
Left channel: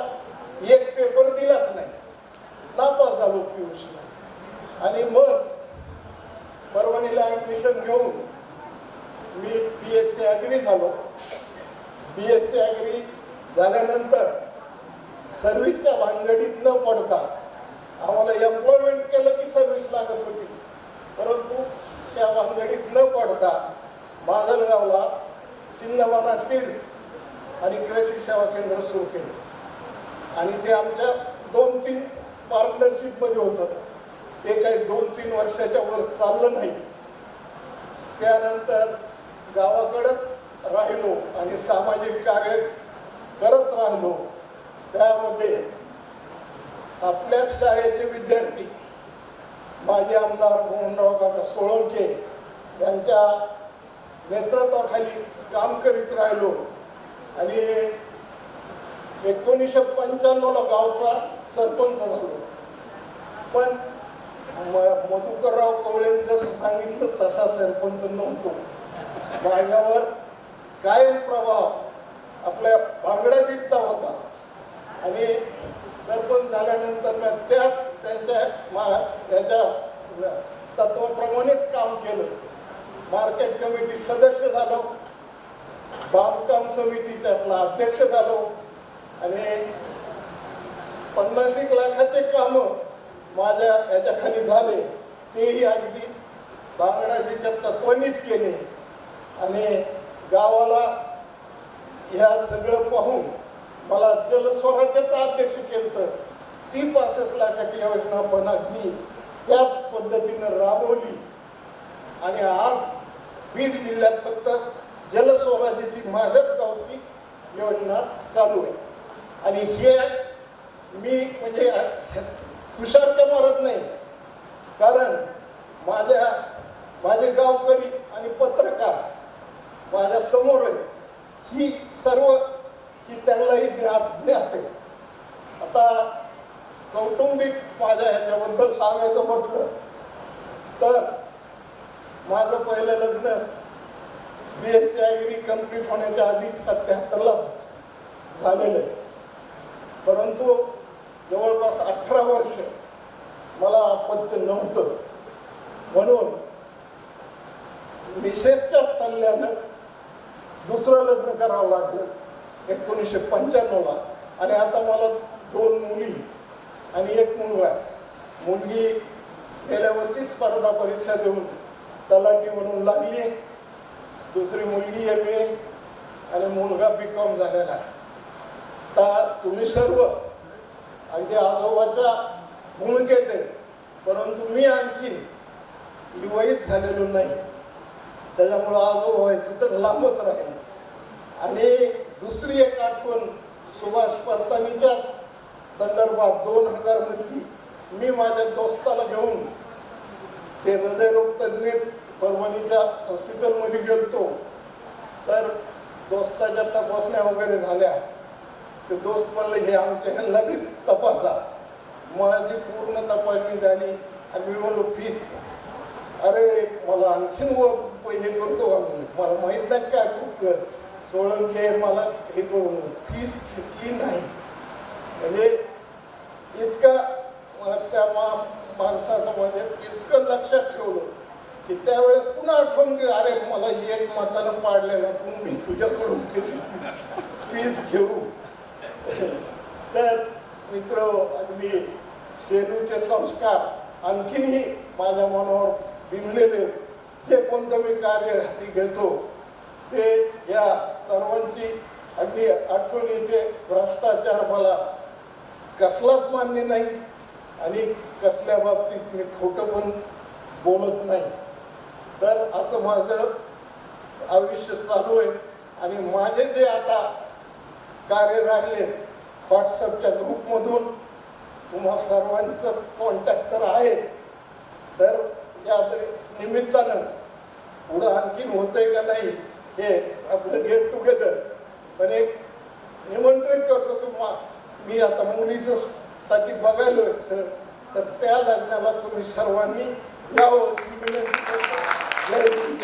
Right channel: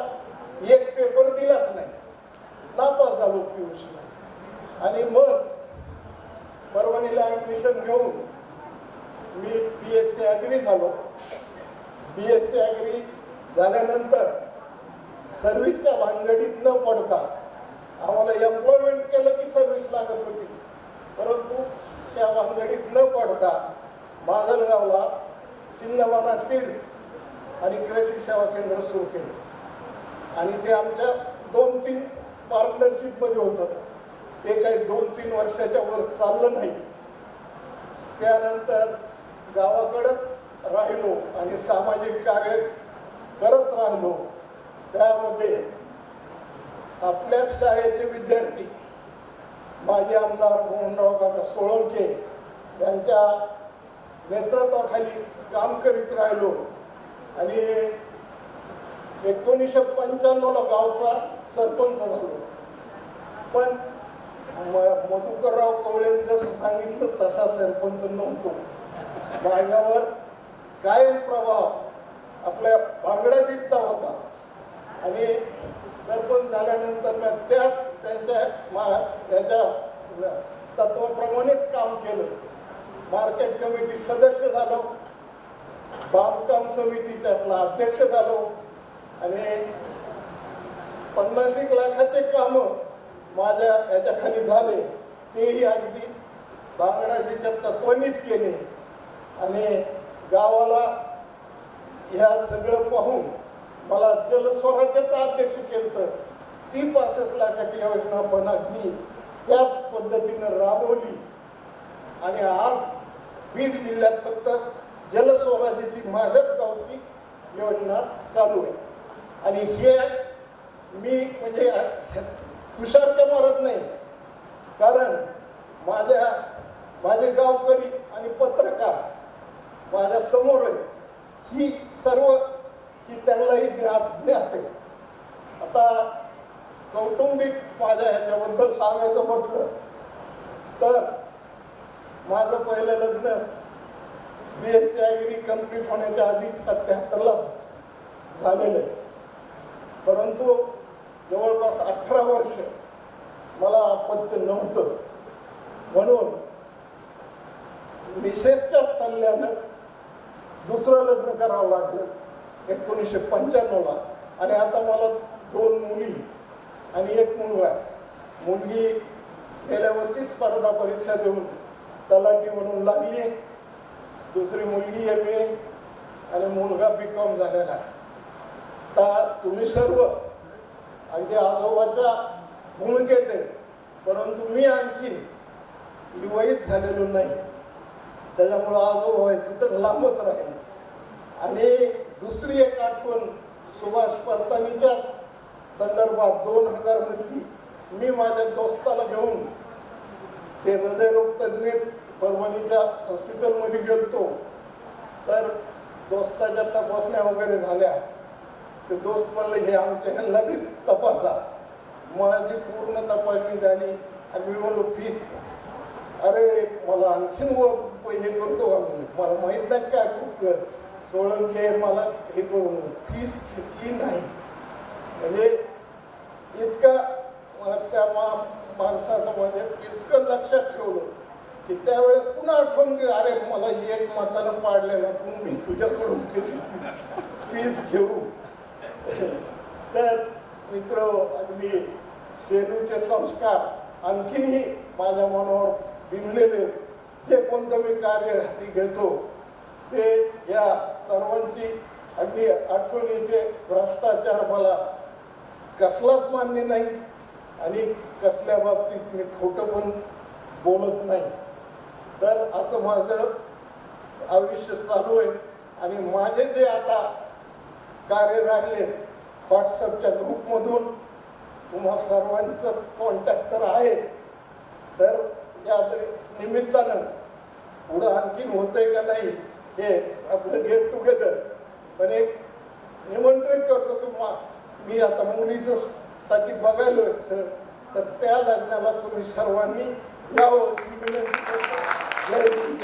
एक पेपर दिलाच नाही, नापास झालो PUCला. आणि मग परभणीला ॲडमिशन घेऊन मी BSc ॲग्री झालो. BSc ॲग्री झाल्यानंतर सर्व्हिसच्या भानगडीत न पडता आम्हाला एम्प्लॉयमेंट केलं की सर्व्हिस लागत होती, परंतु त्या भानगडीत न पडता माजलगावला सिंधवाना सीड्स आणि कृषी सेवा केंद्र सुरू केलं. आणि ते आमच्या 2-3 पार्टनरशिपमध्ये होतं. ते काही 2-3 वर्षाच्या वर चाललं नाही. त्यानंतर गावाकडंच राहिलो आणि सामाजिक कार्य करत राहिलो. त्यामध्ये आपल्या शाळेचे विद्यार्थी, माजी आमदार मोहनराव काका सोळंके यांच्या नेतृत्वाखाली काम करीत राहिलो. आणि 1995ला गावचा सरपंच झालो. पण मधुकरराव कवळेंनी जसं सांगितलं तसा सरपंच नव्हतो. माझ्यावर कायम प्रभाव आपल्या भांगडाजीचा होता. आणि सरपंच झाल्यानंतर मी त्यांच्या तत्वाप्रमाणेच काम केलं. मार्केट कमिटी सदस्य झालो, बांधकाम समिती त्यातला अध्यक्ष झालो. आणि 50 लाखाचे कामं माझ्या याच्याखाली झाले, तेही अगदी बांगडाजीच्या तत्वानीच केले. आणि गावाला ह्या सगळं पाहून मला जलस्वराज्याचं अध्यक्ष केलं. ती 65 लाखाची योजना पण अगदी त्याच पद्धतीनं राबवली. आणि आज बीड जिल्ह्यात फक्त जलस्वराज्याची माझ्याच गावची योजना चालू आहे. आणि हे मी म्हणजे हुशारक्या मारत नाही, कारण माझे गावकरी आणि पत्रकार माझ्या समोर आहे. ही त्यांनाही ज्ञात आहे. आता कौटुंबिक माझ्या ह्याच्याबद्दल सांगायचं म्हटलं तर माझं पहिलं लग्न BSc ॲग्री कम्प्लीट होण्याच्या आधीच 77ला झालेलं आहे. परंतु जवळपास 18 वर्ष मला अपत्य नव्हतं. म्हणून मिसेसच्या सल्ल्यानं दुसरं लग्न करावं लागलं 1995ला. आणि आता मला 2 मुली आणि 1 मुलगा आहे. मुलगी गेल्या वर्षी स्पर्धा परीक्षा देऊन तलाठी म्हणून लागली. दुसरी मुलगी MA आणि मुलगा BCom झालेला आहे. आता तुम्ही सर्व अगदी आजोबाच्या भूमिकेत आहे, परंतु मी आणखी विवाहित झालेलो नाही. त्याच्यामुळं आजोबा व्हायचं तर लांबच राहील. आणि दुसरी एक आठवण सुभाष परतानीच्याच संदर्भात 2000 मध्ये मी माझ्या दोस्ताला घेऊन ते हृदयरोग तज्ञ परभणीच्या हॉस्पिटलमध्ये गेलतो. तर दोस्ताच्या तपासण्या वगैरे झाल्या, ते दोस्त म्हणले हे आमच्या ह्यांना बी तपासा. माझी पूर्ण तपासणी झाली आणि मी म्हणलो फीस, अरे मला आणखीन हे करतो का म्हणून, मला माहीत नाही काय खूप सोळंके मला हे करून फीस घेतली नाही. म्हणजे इतकं मला त्या माणसाचं म्हणजे इतकं लक्षात ठेवलं की त्यावेळेस पुन्हा आठवण की अरे मला एक मतानं पाडलेला तू मी तुझ्याकडून कशी फीस घेऊ. तर मित्र, अगदी शेलूचे संस्कार आणखीनही माझ्या मनावर बिंबलेले. जे कोणतं मी कार्य हाती घेतो ते या सर्वांची अगदी आठवण येते. भ्रष्टाचार मला कसलाच मान्य नाही आणि कसल्या बाबतीत मी खोटं पण बोलत नाही. तर असं माझं आयुष्य चालू आहे. आणि माझे जे आता कार्य राहिले व्हॉट्सअपच्या ग्रुपमधून तुम्हा सर्वांचं कॉन्टॅक्ट तर आहे. तर या निमित्तानं पुढं आणखीन होतंय का नाही हे आपलं गेट टुगेदर पण एक निमंत्रित करतो की मी आता मुलीचं साठी बघायलो असतं तर त्या लग्नाला तुम्ही सर्वांनी यावं ही विनंती करतो. जय हिंद.